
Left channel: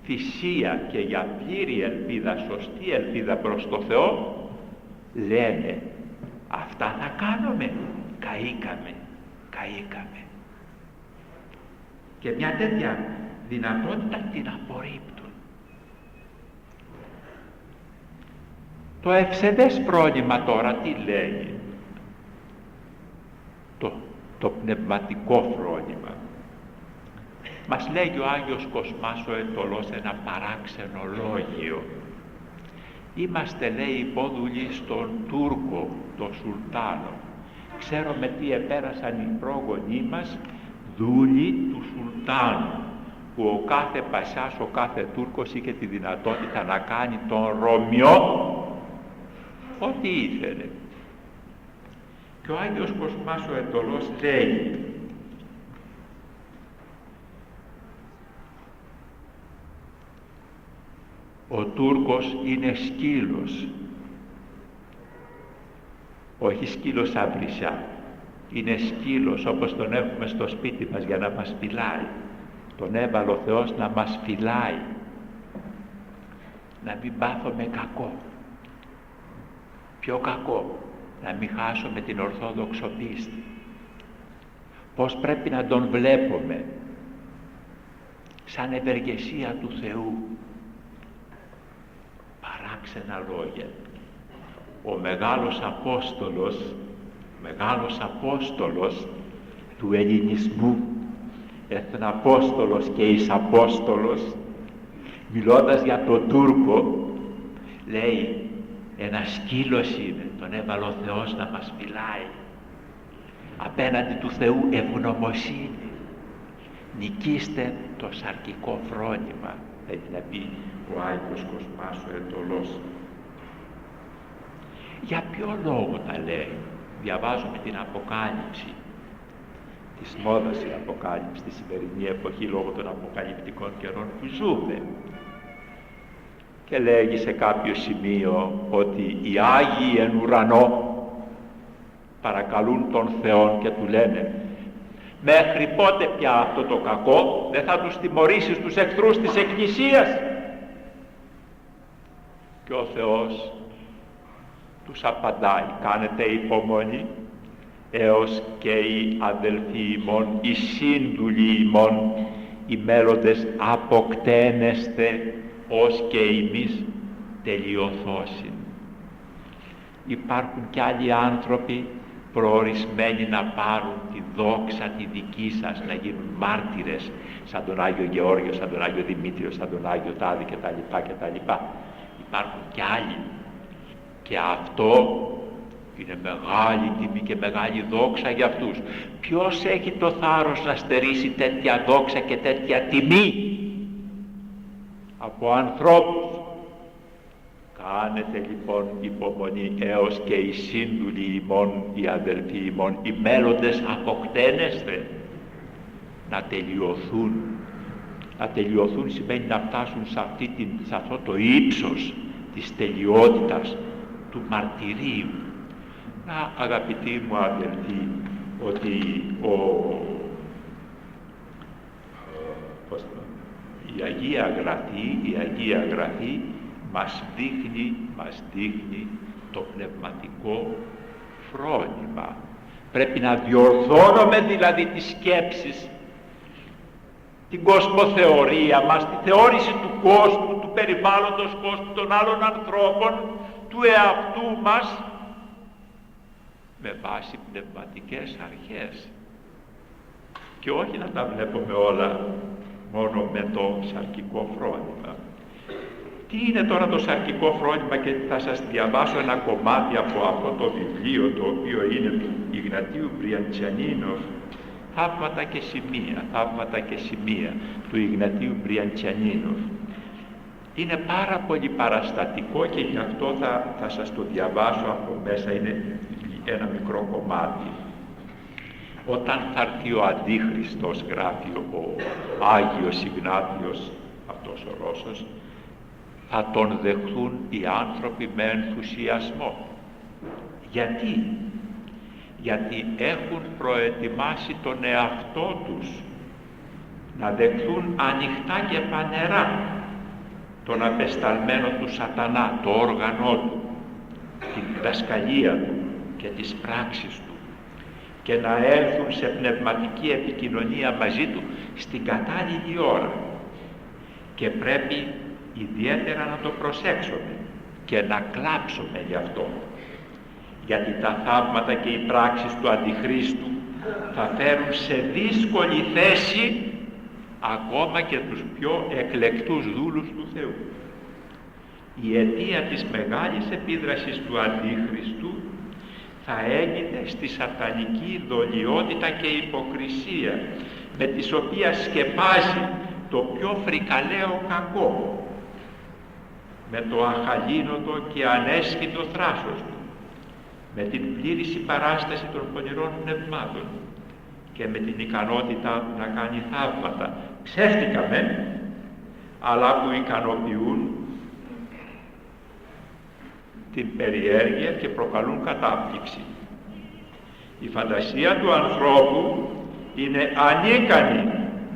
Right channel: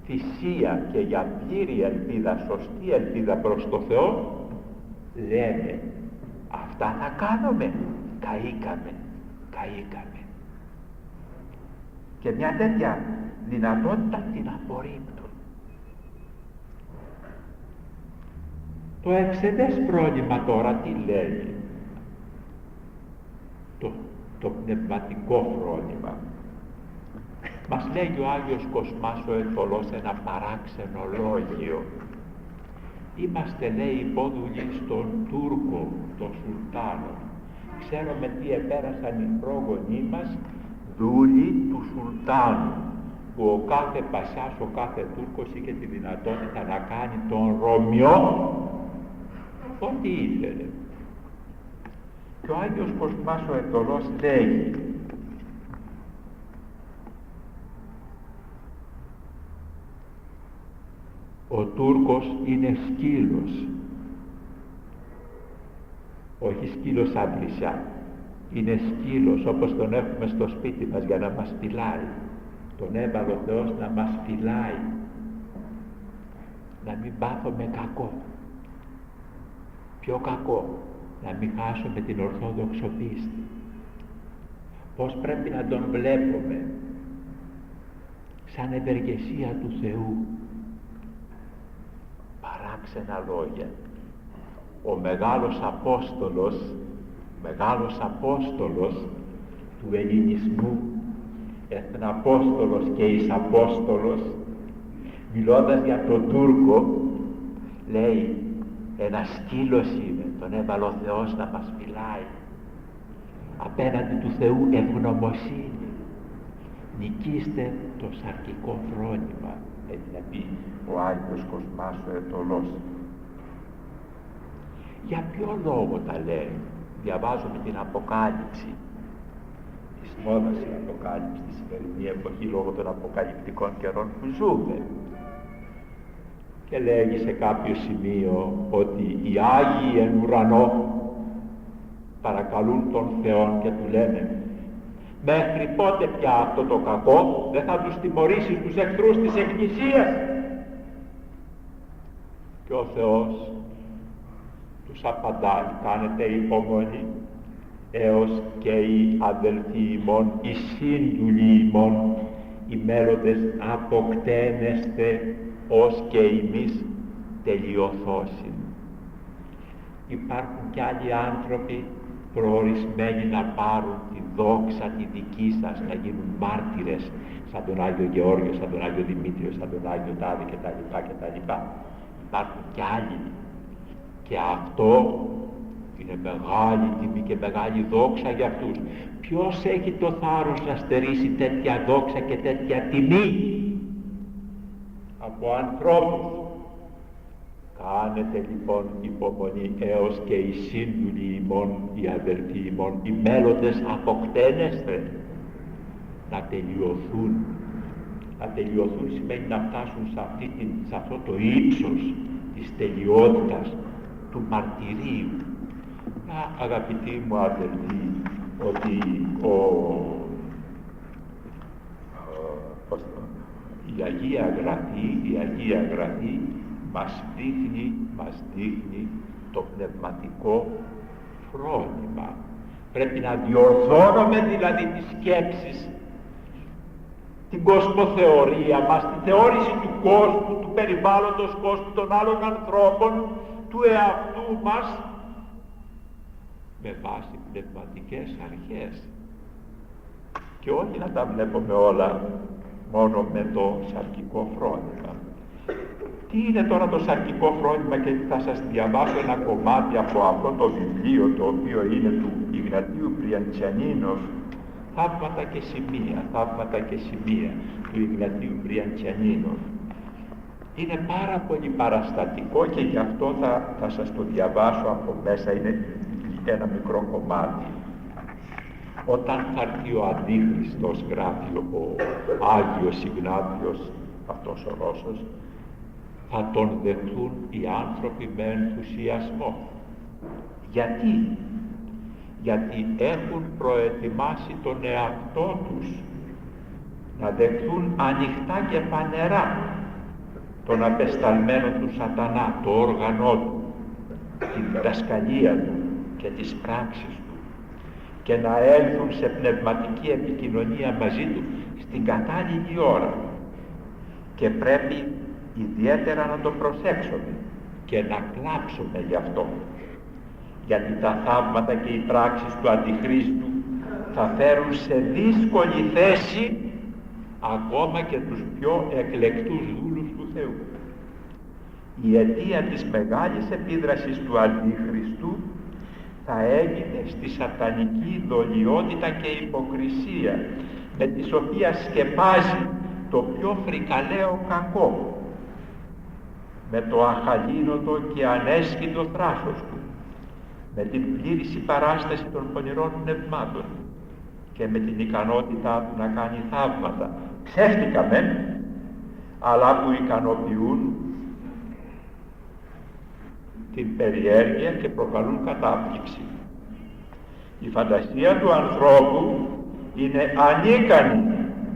θυσία και για πλήρη ελπίδα, σωστή ελπίδα προς το Θεό, λένε αυτά θα κάνουμε, καήκαμε. Και μια τέτοια δυνατότητα την απορρίπτουν. Το ευσεβές φρόνημα τώρα τι λέει? Το πνευματικό φρόνημα. Μας λέγει ο Άγιος Κοσμάς ο Αιτωλός ένα παράξενο λόγιο. Είμαστε, λέει, υπόδουλοι στον Τούρκο, τον Σουλτάνο. Ξέρουμε τι επέρασαν οι πρόγονοί μας, δούλοι του Σουλτάνου, που ο κάθε Πασάς, ο κάθε Τούρκος είχε τη δυνατότητα να κάνει τον Ρωμιό ό,τι ήθελε. Και ο Άγιος Κοσμάς ο Αιτωλός λέει: ο Τούρκος είναι σκύλος, όχι σκύλος σαν βρυσιά, είναι σκύλος όπως τον έχουμε στο σπίτι μας για να μας φυλάει. Τον έβαλε ο Θεός να μας φυλάει, να μην πάθουμε κακό. Ποιο κακό? Να μην χάσουμε την ορθόδοξο πίστη. Πώς πρέπει να τον βλέπουμε? Σαν ευεργεσία του Θεού. Παράξενα λόγια. Ο μεγάλος Απόστολος του ελληνισμού, Εθναπόστολος και Εισαπόστολος, μιλώντας για τον Τούρκο, λέει: ένα σκύλος είναι, τον έβαλε ο Θεός να μας φυλάει. Απέναντι του Θεού ευγνωμοσύνη. Νικήστε το σαρκικό φρόνημα, έχει να πει ο Άγιος Κοσμάς ο Αιτωλός. Για ποιο λόγο τα λέει? Διαβάζουμε την Αποκάλυψη. Της μόδας η Αποκάλυψη στη σημερινή εποχή λόγω των αποκαλυπτικών καιρών που ζούμε. Και λέγει σε κάποιο σημείο ότι οι Άγιοι εν ουρανό παρακαλούν τον Θεό και του λένε: μέχρι πότε πια αυτό το κακό? Δεν θα τους τιμωρήσεις τους εχθρούς της Εκκλησίας? Και ο Θεός τους απαντάει: κάνετε υπομονή έως και οι αδελφοί ημών, οι σύντουλοι ημών, οι μέλλοντες αποκτένεστε ως και εμείς τελειωθώσιν. Υπάρχουν κι άλλοι άνθρωποι προορισμένοι να πάρουν τη δόξα τη δική σας, να γίνουν μάρτυρες, σαν τον Άγιο Γεώργιο, σαν τον Άγιο Δημήτριο, σαν τον Άγιο Τάδη κτλ. Υπάρχουν κι άλλοι, και αυτό είναι μεγάλη τιμή και μεγάλη δόξα για αυτούς. Ποιος έχει το θάρρος να στερήσει τέτοια δόξα και τέτοια τιμή από ανθρώπους? Κάνετε λοιπόν υπομονή έως και οι σύντουλοι ημών, οι αδελφοί ημών, οι μέλλοντες αποκτένεστε, να τελειωθούν. Να τελειωθούν σημαίνει να φτάσουν σε αυτό το ύψος της τελειότητας, του μαρτυρίου. Να, αγαπητοί μου αδελφοί, ότι η Αγία Γραφή μας δείχνει το πνευματικό φρόνημα. Πρέπει να διορθώνουμε δηλαδή τις σκέψεις, την κοσμοθεωρία μας, τη θεώρηση του κόσμου, του περιβάλλοντος κόσμου, των άλλων ανθρώπων, του εαυτού μας, με βάση πνευματικές αρχές, και όχι να τα βλέπουμε όλα μόνο με το σαρκικό φρόνημα. Τι είναι τώρα το σαρκικό φρόνημα? Και θα σας διαβάσω ένα κομμάτι από αυτό το βιβλίο, το οποίο είναι του Ιγνατίου Μπριαντσιανίνοφ, θαύματα και σημεία του Ιγνατίου Μπριαντσιανίνοφ. Είναι πάρα πολύ παραστατικό και γι' αυτό θα σας το διαβάσω από μέσα, είναι ένα μικρό κομμάτι. Όταν θα έρθει ο Αντίχριστος, γράφει ο Άγιος Ιγνάτιος, αυτός ο Ρώσος, θα τον δεχθούν οι άνθρωποι με ενθουσιασμό. Γιατί έχουν προετοιμάσει τον εαυτό τους να δεχθούν ανοιχτά και φανερά τον απεσταλμένο του σατανά, το όργανό του, την διδασκαλία του και τις πράξεις του, και να έλθουν σε πνευματική επικοινωνία μαζί του στην κατάλληλη ώρα. Και πρέπει ιδιαίτερα να το προσέξουμε, και να κλάψουμε γι' αυτό. Γιατί τα θαύματα και οι πράξεις του Αντιχρίστου θα φέρουν σε δύσκολη θέση ακόμα και τους πιο εκλεκτούς δούλους του Θεού. Η αιτία της μεγάλης επίδρασης του Αντιχριστού θα έγινε στη σατανική δολιότητα και υποκρισία, με τις οποίες σκεπάζει το πιο φρικαλαίο κακό, με το αχαλήνοτο και ανέσχυτο θράσος του, με την πλήρη συμπαράσταση των πονηρών πνευμάτων και με την ικανότητά του να κάνει θαύματα, ψεύτικα μεν, αλλά που ικανοποιούν την περιέργεια και προκαλούν κατάπληξη. Η φαντασία του ανθρώπου είναι ανίκανη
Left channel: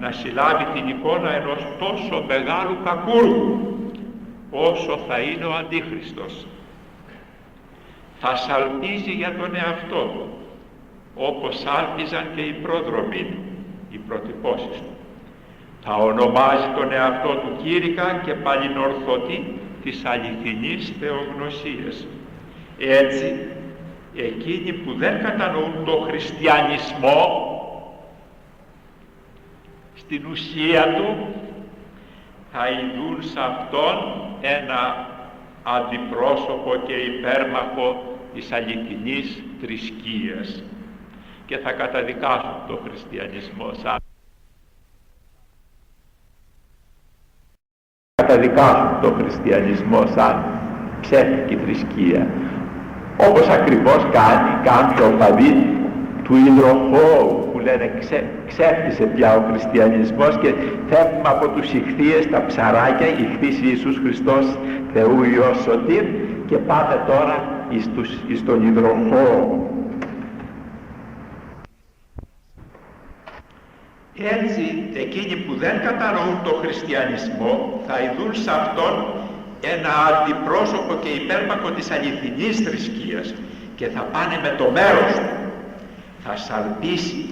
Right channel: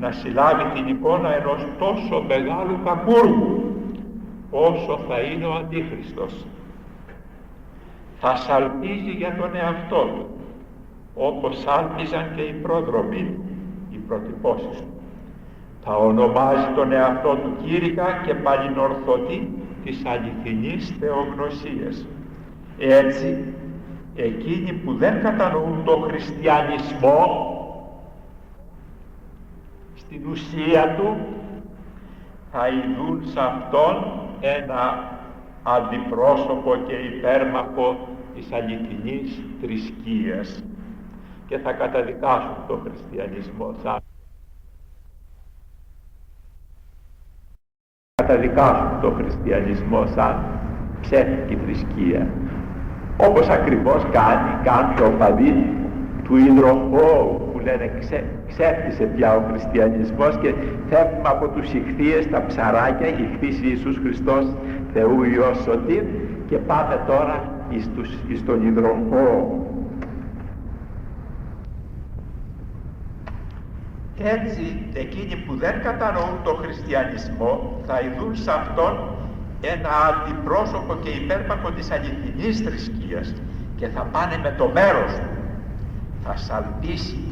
να συλλάβει την εικόνα ενός τόσο μεγάλου κακούργου όσο θα είναι ο Αντίχριστος. Θα σαλπίζει για τον εαυτό του, όπως σάλπιζαν και οι πρόδρομοι του, οι προτυπώσεις του. Θα ονομάζει τον εαυτό του κήρυκα και παλινορθωτή της αληθινής θεογνωσίας. Έτσι, εκείνοι που δεν κατανοούν το χριστιανισμό στην ουσία του, θα ειδούν σε αυτόν ένα αντιπρόσωπο και υπέρμαχο της αληθινής θρησκείας και θα καταδικάσουν το χριστιανισμό σαν ψεύτικη θρησκεία, όπως ακριβώς κάνει κάποιοι οπαδοί του υδροχώου που λένε ξέφτισε πια ο χριστιανισμός και φεύγουμε από τους ιχθύες, τα ψαράκια, ιχθύς Ιησούς Χριστός Θεού Υιός Σωτήρ, και πάμε τώρα εις τον υδροχώο. Έτσι, εκείνοι που δεν κατανοούν το χριστιανισμό θα ειδούν σε αυτόν ένα αντιπρόσωπο και υπέρμαχο της αληθινής θρησκείας και θα πάνε με το μέρος του, θα σαλπίσει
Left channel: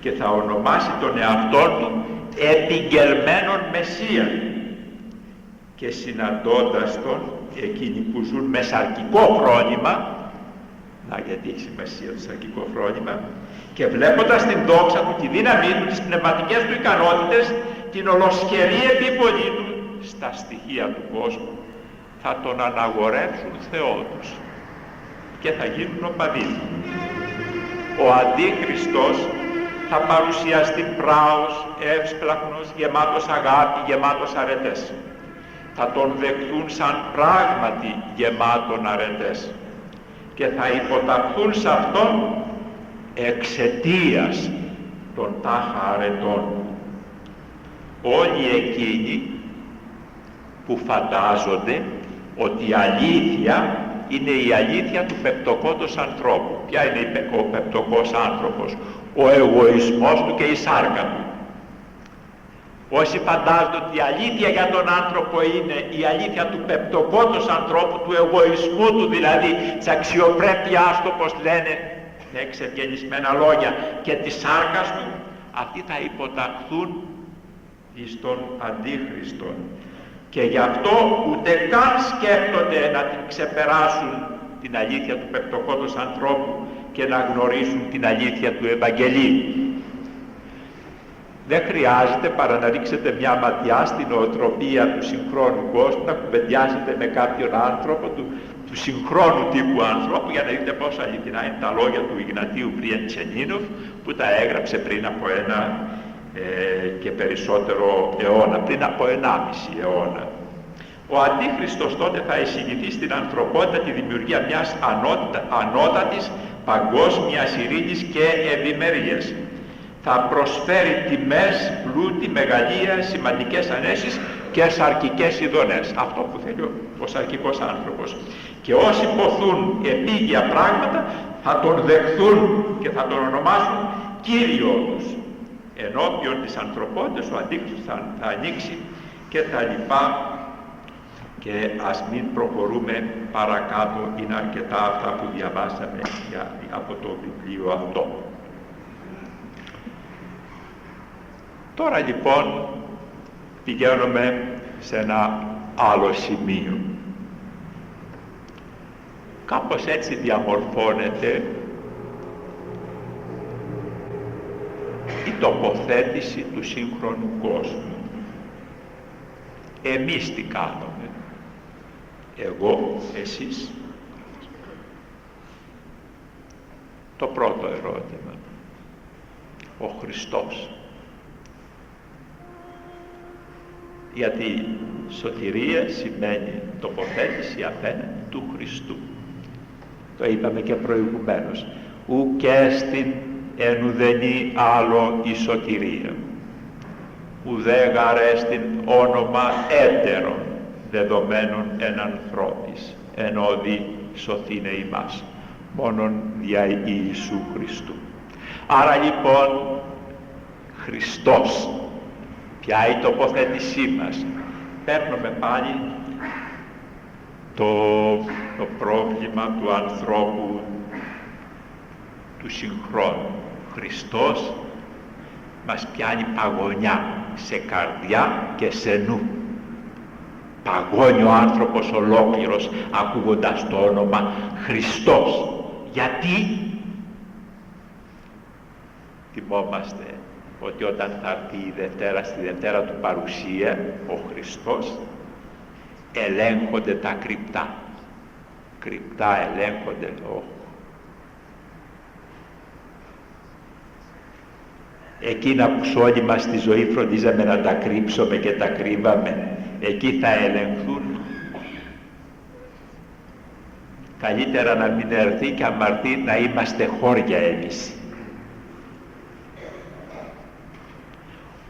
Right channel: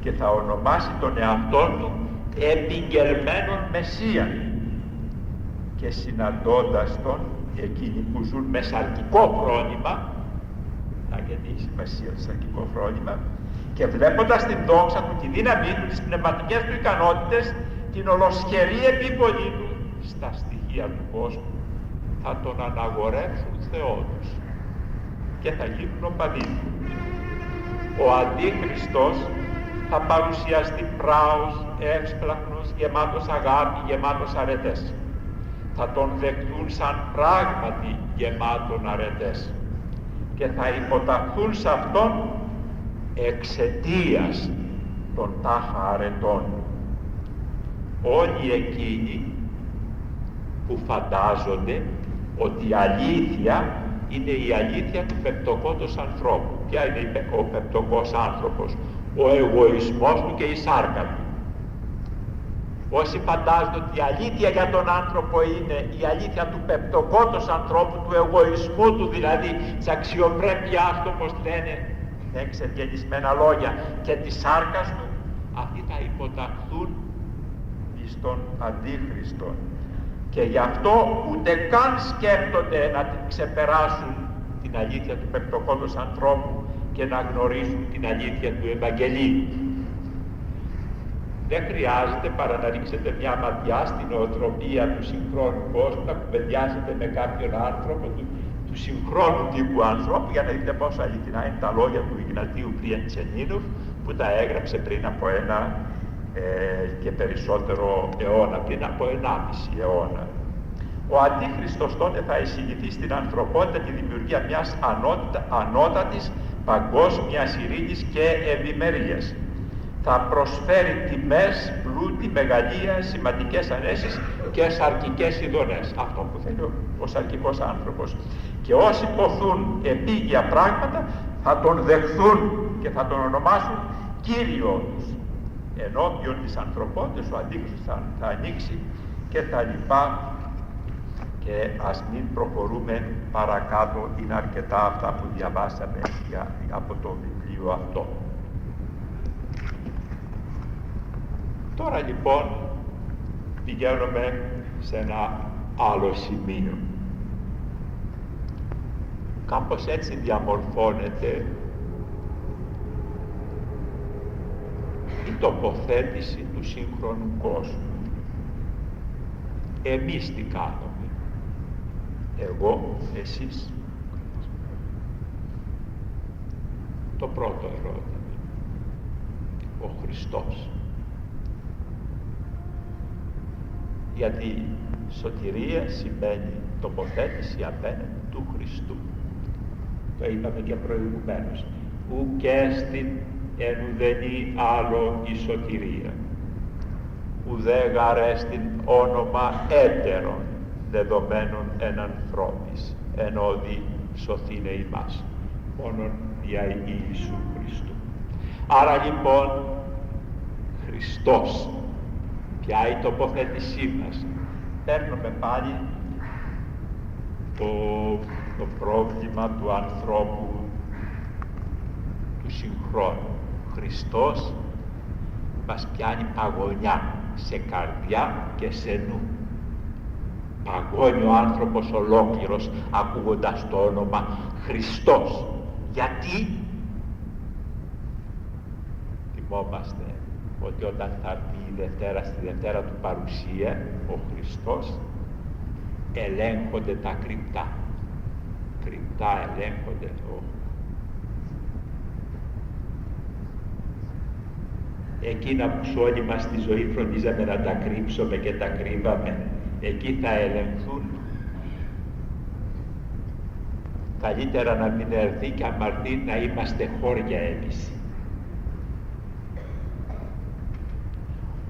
και θα ονομάσει τον εαυτό του επιγγελμένον Μεσσία, και συναντώντας τον, εκείνοι που ζουν με σαρκικό φρόνημα, γιατί έχει σημασία το σαρκικό φρόνημα, και βλέποντας την δόξα του, τη δύναμή του, τις πνευματικές του ικανότητες, την ολοσχερή επίπονή του στα στοιχεία του κόσμου, θα τον αναγορεύσουν Θεό τους και θα γίνουν οπαδοί. Ο Αντίχριστος θα παρουσιαστεί πράος, εύσπλαχνος, γεμάτος αγάπη, γεμάτος αρετές. Θα τον δεχθούν σαν πράγματι γεμάτον αρετές και θα υποταχθούν σε αυτόν εξαιτίας των τάχα αρετών. Όλοι εκείνοι που φαντάζονται ότι η αλήθεια είναι η αλήθεια του πεπτοκόντος ανθρώπου. Ποια είναι ο πεπτοκός άνθρωπος? Ο εγωισμός του και η σάρκα του. Όσοι φαντάζονται ότι η αλήθεια για τον άνθρωπο είναι η αλήθεια του πεπτοκόντος ανθρώπου, του εγωισμού του δηλαδή, της αξιοπρέπειάς του, όπως λένε με εξευγενισμένα λόγια, και της σάρκας του, αυτοί θα υποταχθούν εις τον Αντίχριστον. Και γι' αυτό ούτε καν σκέφτονται να την ξεπεράσουν την αλήθεια του πεπτοκόντος ανθρώπου και να γνωρίσουν την αλήθεια του Ευαγγελίου. Δεν χρειάζεται παρά να ρίξετε μια ματιά στην νοοτροπία του συγχρόνου κόσμου, να κουβεντιάσετε με κάποιον άνθρωπο του συγχρόνου τύπου ανθρώπου, για να δείτε πόσο αληθινά είναι τα λόγια του Ιγνατίου Πριεντσενίνοφ, που τα έγραψε πριν από ένα και περισσότερο αιώνα, πριν από 1,5 αιώνα. Ο Αντίχριστος τότε θα εισηγηθεί στην ανθρωπότητα τη δημιουργία μιας ανώτατης παγκόσμιας ειρήνης και ευημερίας. Θα προσφέρει τιμές, πλούτη, μεγαλεία, σημαντικές ανέσεις και σαρκικές ειδονές. Αυτό που θέλει ο σαρκικός άνθρωπος. Και όσοι ποθούν επίγεια πράγματα θα τον δεχθούν και θα τον ονομάσουν Κύριό τους. Ενώπιον της ανθρωπότητας ο Αντίχριστος θα ανοίξει και τα λοιπά, και ας μην προχωρούμε παρακάτω, είναι αρκετά αυτά που διαβάσαμε από το βιβλίο αυτό. Τώρα λοιπόν πηγαίνουμε σε ένα άλλο σημείο. Κάπως έτσι διαμορφώνεται η τοποθέτηση του σύγχρονου κόσμου. Εμείς τι κάνουμε? Εγώ, εσείς? Το πρώτο ερώτημα. Ο Χριστός. Γιατί σωτηρία σημαίνει τοποθέτηση απέναντι του Χριστού. Το είπαμε και προηγουμένως. Ουκ έστιν εν ουδενή άλλο η σωτηρία. Ουδέ γαρέστην όνομα έτερον δεδομένων εν ανθρώπης, εν όδη σωθήνε ημάς, μόνον δια Ιησού Χριστού. Άρα λοιπόν, Χριστός, ποια η τοποθέτησή μας? Παίρνουμε πάλι το πρόβλημα του ανθρώπου του συγχρόνου. Χριστός μας πιάνει παγωνιά σε καρδιά και σε νου. Παγώνει ο άνθρωπος ολόκληρος ακούγοντας το όνομα Χριστός. Γιατί? Θυμόμαστε ότι όταν θα έρθει η Δευτέρα, στη Δευτέρα του παρουσία, ο Χριστός, ελέγχονται τα κρυπτά. Κρυπτά ελέγχονται. Εκείνα που όλοι μας στη ζωή φροντίζαμε να τα κρύψουμε και τα κρύβαμε, εκεί θα ελεγχθούν. Καλύτερα να μην έρθει και αμαρτή να είμαστε χώρια εμείς.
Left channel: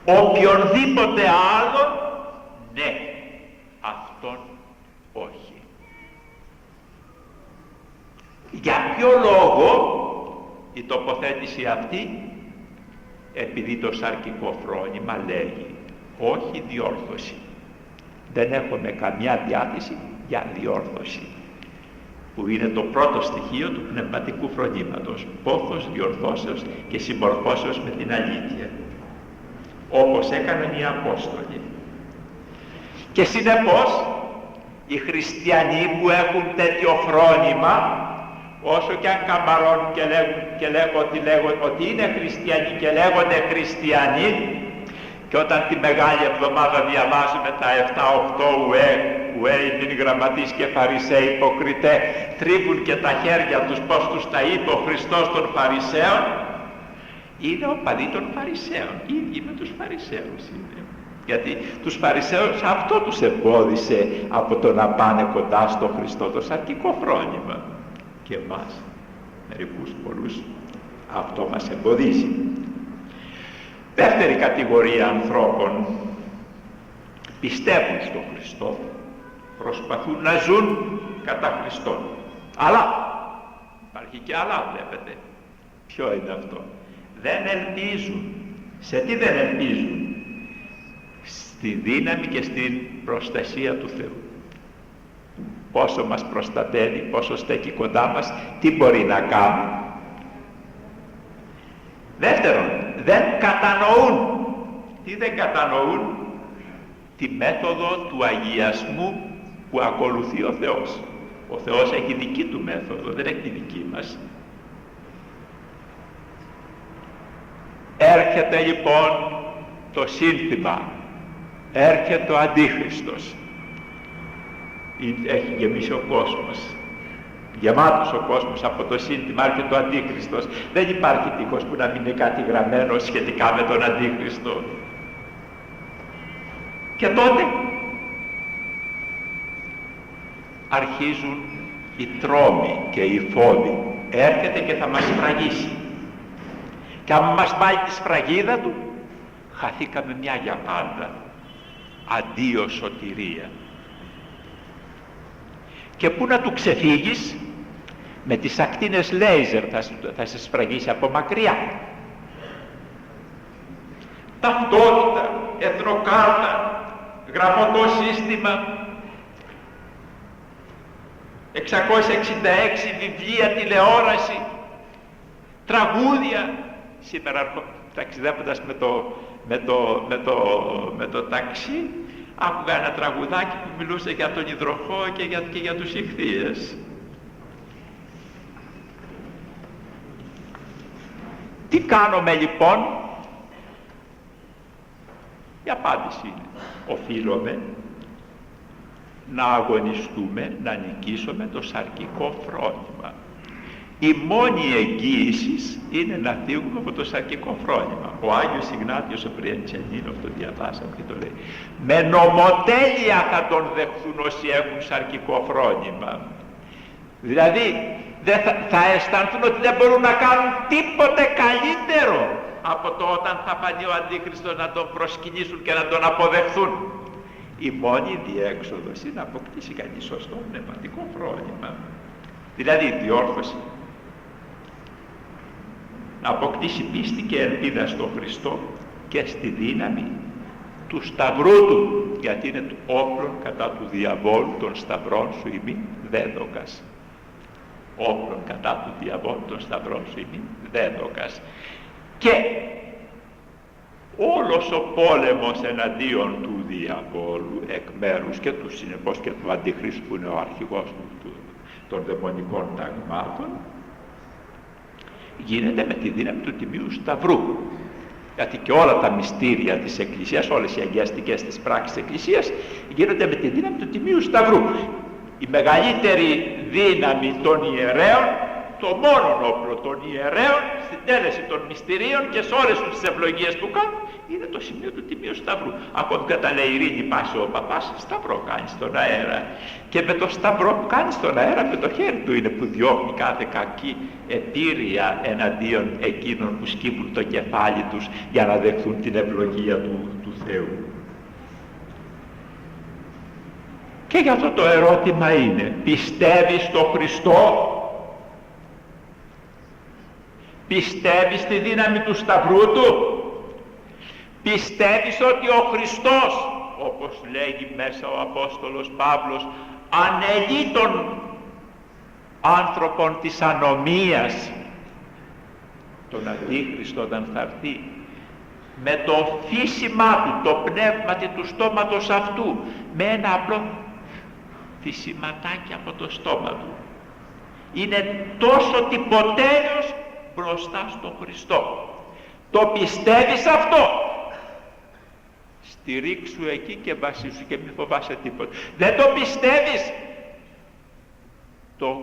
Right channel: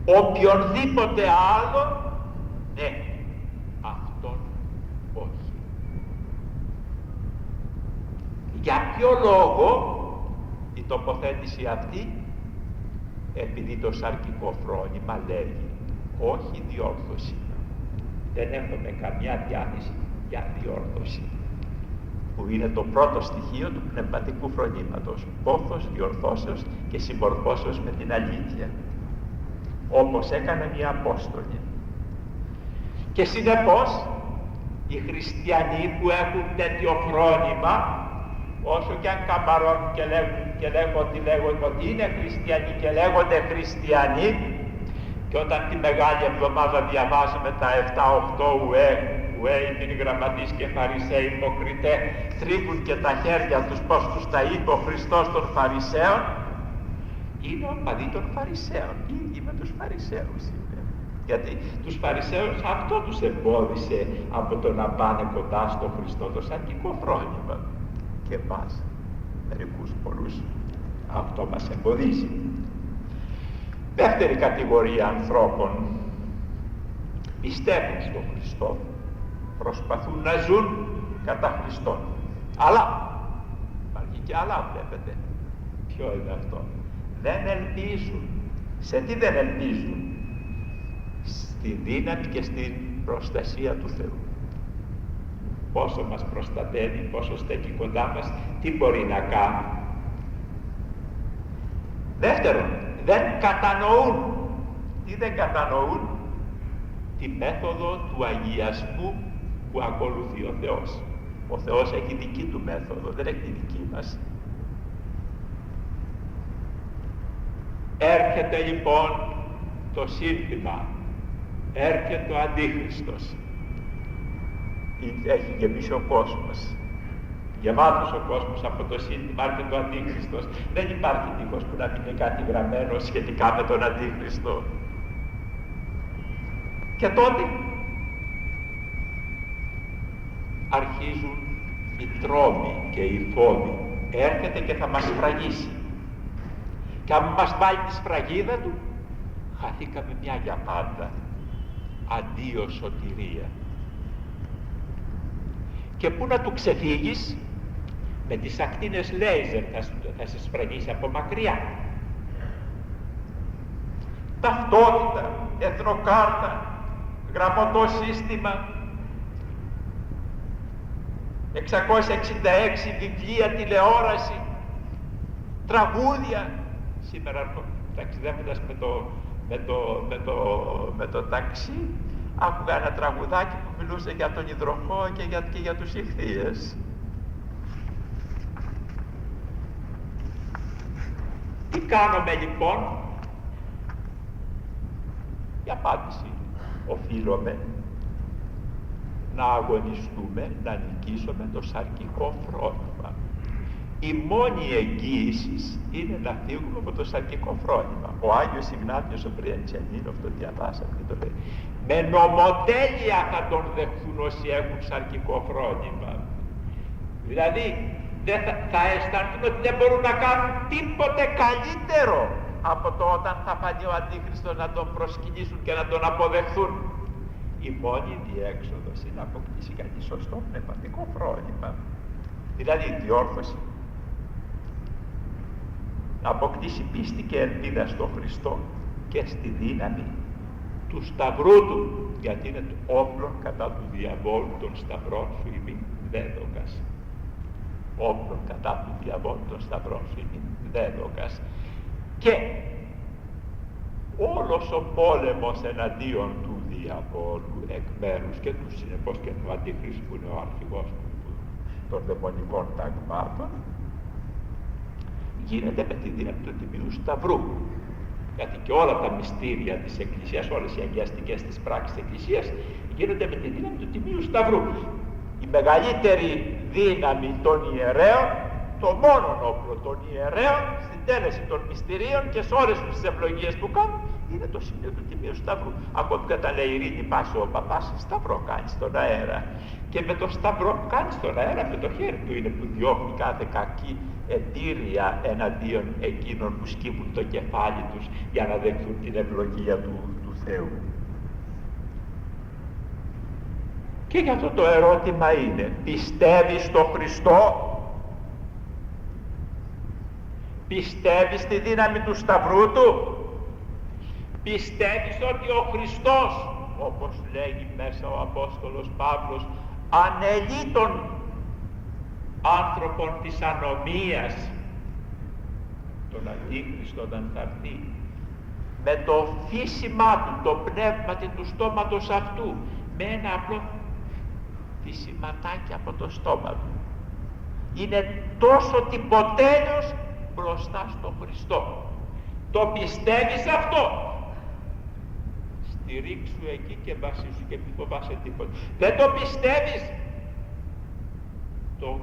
Οποιονδήποτε άλλο, ναι, αυτόν όχι. Για ποιο λόγο η τοποθέτηση αυτή? Επειδή το σαρκικό φρόνημα λέγει όχι διόρθωση. Δεν έχουμε καμιά διάθεση για διόρθωση, που είναι το πρώτο στοιχείο του πνευματικού φρονήματος. Πόθος διορθώσεως και συμμορφώσεως με την αλήθεια, όπως έκαναν οι Απόστολοι. Και συνεπώς οι χριστιανοί που έχουν τέτοιο φρόνημα, όσο και αν καμαρώνουν και λέγουν ότι είναι χριστιανοί και λέγονται χριστιανοί, και όταν τη Μεγάλη Εβδομάδα διαβάζουμε τα 7-8 ουέ είναι γραμματείς και Φαρισαίοι υποκριτέ, τρίβουν και τα χέρια τους πως τους τα είπε ο Χριστός των Φαρισαίων, είναι οπαδοί των Φαρισαίων, οι ίδιοι με τους Φαρισαίους είναι. Γιατί τους Φαρισαίους αυτό τους εμπόδισε από το να πάνε κοντά στο Χριστό, το σαρκικό φρόνημα. Και εμάς, μερικούς πολλούς, αυτό μας εμποδίζει. Δεύτερη κατηγορία ανθρώπων, πιστεύουν στον Χριστό, προσπαθούν να ζουν κατά Χριστόν. Αλλά, υπάρχει και άλλα βλέπετε. Ποιο είναι αυτό? Δεν ελπίζουν. Σε τι δεν ελπίζουν? Στη δύναμη και στην προστασία του Θεού. Πόσο μας προστατεύει, πόσο στέκει κοντά μας, τι μπορεί να κάνει. Δεύτερον, δεν κατανοούν. Τι δεν κατανοούν? Τη μέθοδο του αγιασμού που ακολουθεί ο Θεός. Ο Θεός έχει δική του μέθοδο, δεν έχει τη δική μας. Έρχεται λοιπόν το σύνθημα, έρχεται ο Αντίχριστος. Έχει γεμίσει ο κόσμος, γεμάτος ο κόσμος από το σύνθημα έρχεται ο Αντίχριστος. Δεν υπάρχει τείχος που να μην είναι κάτι γραμμένο σχετικά με τον Αντίχριστο. Και τότε αρχίζουν οι τρόμοι και οι φόβοι. Έρχεται και θα μας σφραγίσει. Και αν μας πάει τη σφραγίδα του, χαθήκαμε μια για πάντα. Αντίο σωτηρία. Και πού να του ξεφύγεις? Με τις ακτίνες λέιζερ θα σε σφραγίσει από μακριά. Ταυτότητα, εθνοκάρτα, γραμματό σύστημα, 666 βιβλία, τηλεόραση, τραγούδια. Σήμερα ταξιδεύοντας με το ταξί, άκουγα ένα τραγουδάκι που μιλούσε για τον υδροχό και για τους ιχθύες. Τι κάνουμε λοιπόν? Η απάντηση είναι, οφείλουμε να αγωνιστούμε, να νικήσουμε το σαρκικό φρόνημα. Η μόνη εγγύηση είναι να φύγουμε από το σαρκικό φρόνημα. Ο Άγιος Ιγνάτιος ο Μπριαντσιανίνος, το διαβάσαμε και το λέει, με νομοτέλεια θα τον δεχθούν όσοι έχουν σαρκικό φρόνημα. Δηλαδή θα αισθανθούν ότι δεν μπορούν να κάνουν τίποτε καλύτερο από το όταν θα φανεί ο Αντίχριστος, να τον προσκυνήσουν και να τον αποδεχθούν. Η μόνη διέξοδος είναι να αποκτήσει κάτι σωστό πνευματικό φρόνημα. Δηλαδή η διόρθωση, να αποκτήσει πίστη και ελπίδα στον Χριστό και στη δύναμη του σταυρού του, γιατί είναι το όπλο κατά του διαβόλου των σταυρών σου ημί δέδοκας. Όπλων κατά του διαβόλου των σταυρών σου ημί δέδοκας. Και όλος ο πόλεμος εναντίον του διαβόλου εκ μέρους και του συνεπώς και του Αντιχρίστου που είναι ο αρχηγός των δαιμονικών ταγμάτων γίνεται με τη δύναμη του Τιμίου Σταυρού. Γιατί και όλα τα μυστήρια της Εκκλησίας, όλες οι αγιαστικές της πράξεις της Εκκλησίας γίνονται με τη δύναμη του Τιμίου Σταυρού. Η μεγαλύτερη δύναμη των ιερέων, το μόνο όπλο των ιερέων στην τέλεση των μυστηρίων και σε όλες τις ευλογίες που κάνουν είναι το σημείο του Τιμίου Σταυρού. Ακόμη κατά λέει ειρήνη πάση ο παπάς, σταυρό κάνει στον αέρα. Και με το σταυρό που κάνει στον αέρα, με το χέρι του είναι που διώχνει κάθε κακή επίρρεια εναντίον εκείνων που σκύβουν το κεφάλι τους για να δεχθούν την ευλογία του Θεού. Και γι' αυτό το ερώτημα είναι, πιστεύεις στον Χριστό? Πιστεύεις στη δύναμη του σταυρού του? Πιστεύεις ότι ο Χριστός, όπως λέγει μέσα ο Απόστολος Παύλος, ανελεί των άνθρωπων της ανομίας, τον Αντίχριστο όταν θα έρθει, με το φύσιμά του, το πνεύματι του στόματος αυτού, με ένα απλό φυσιματάκι από το στόμα του. Είναι τόσο τυποτέριος μπροστά στον Χριστό. Το πιστεύεις αυτό? Στηρίξου εκεί και βασίσου και μη φοβάσαι τίποτα. Δεν το πιστεύεις? Το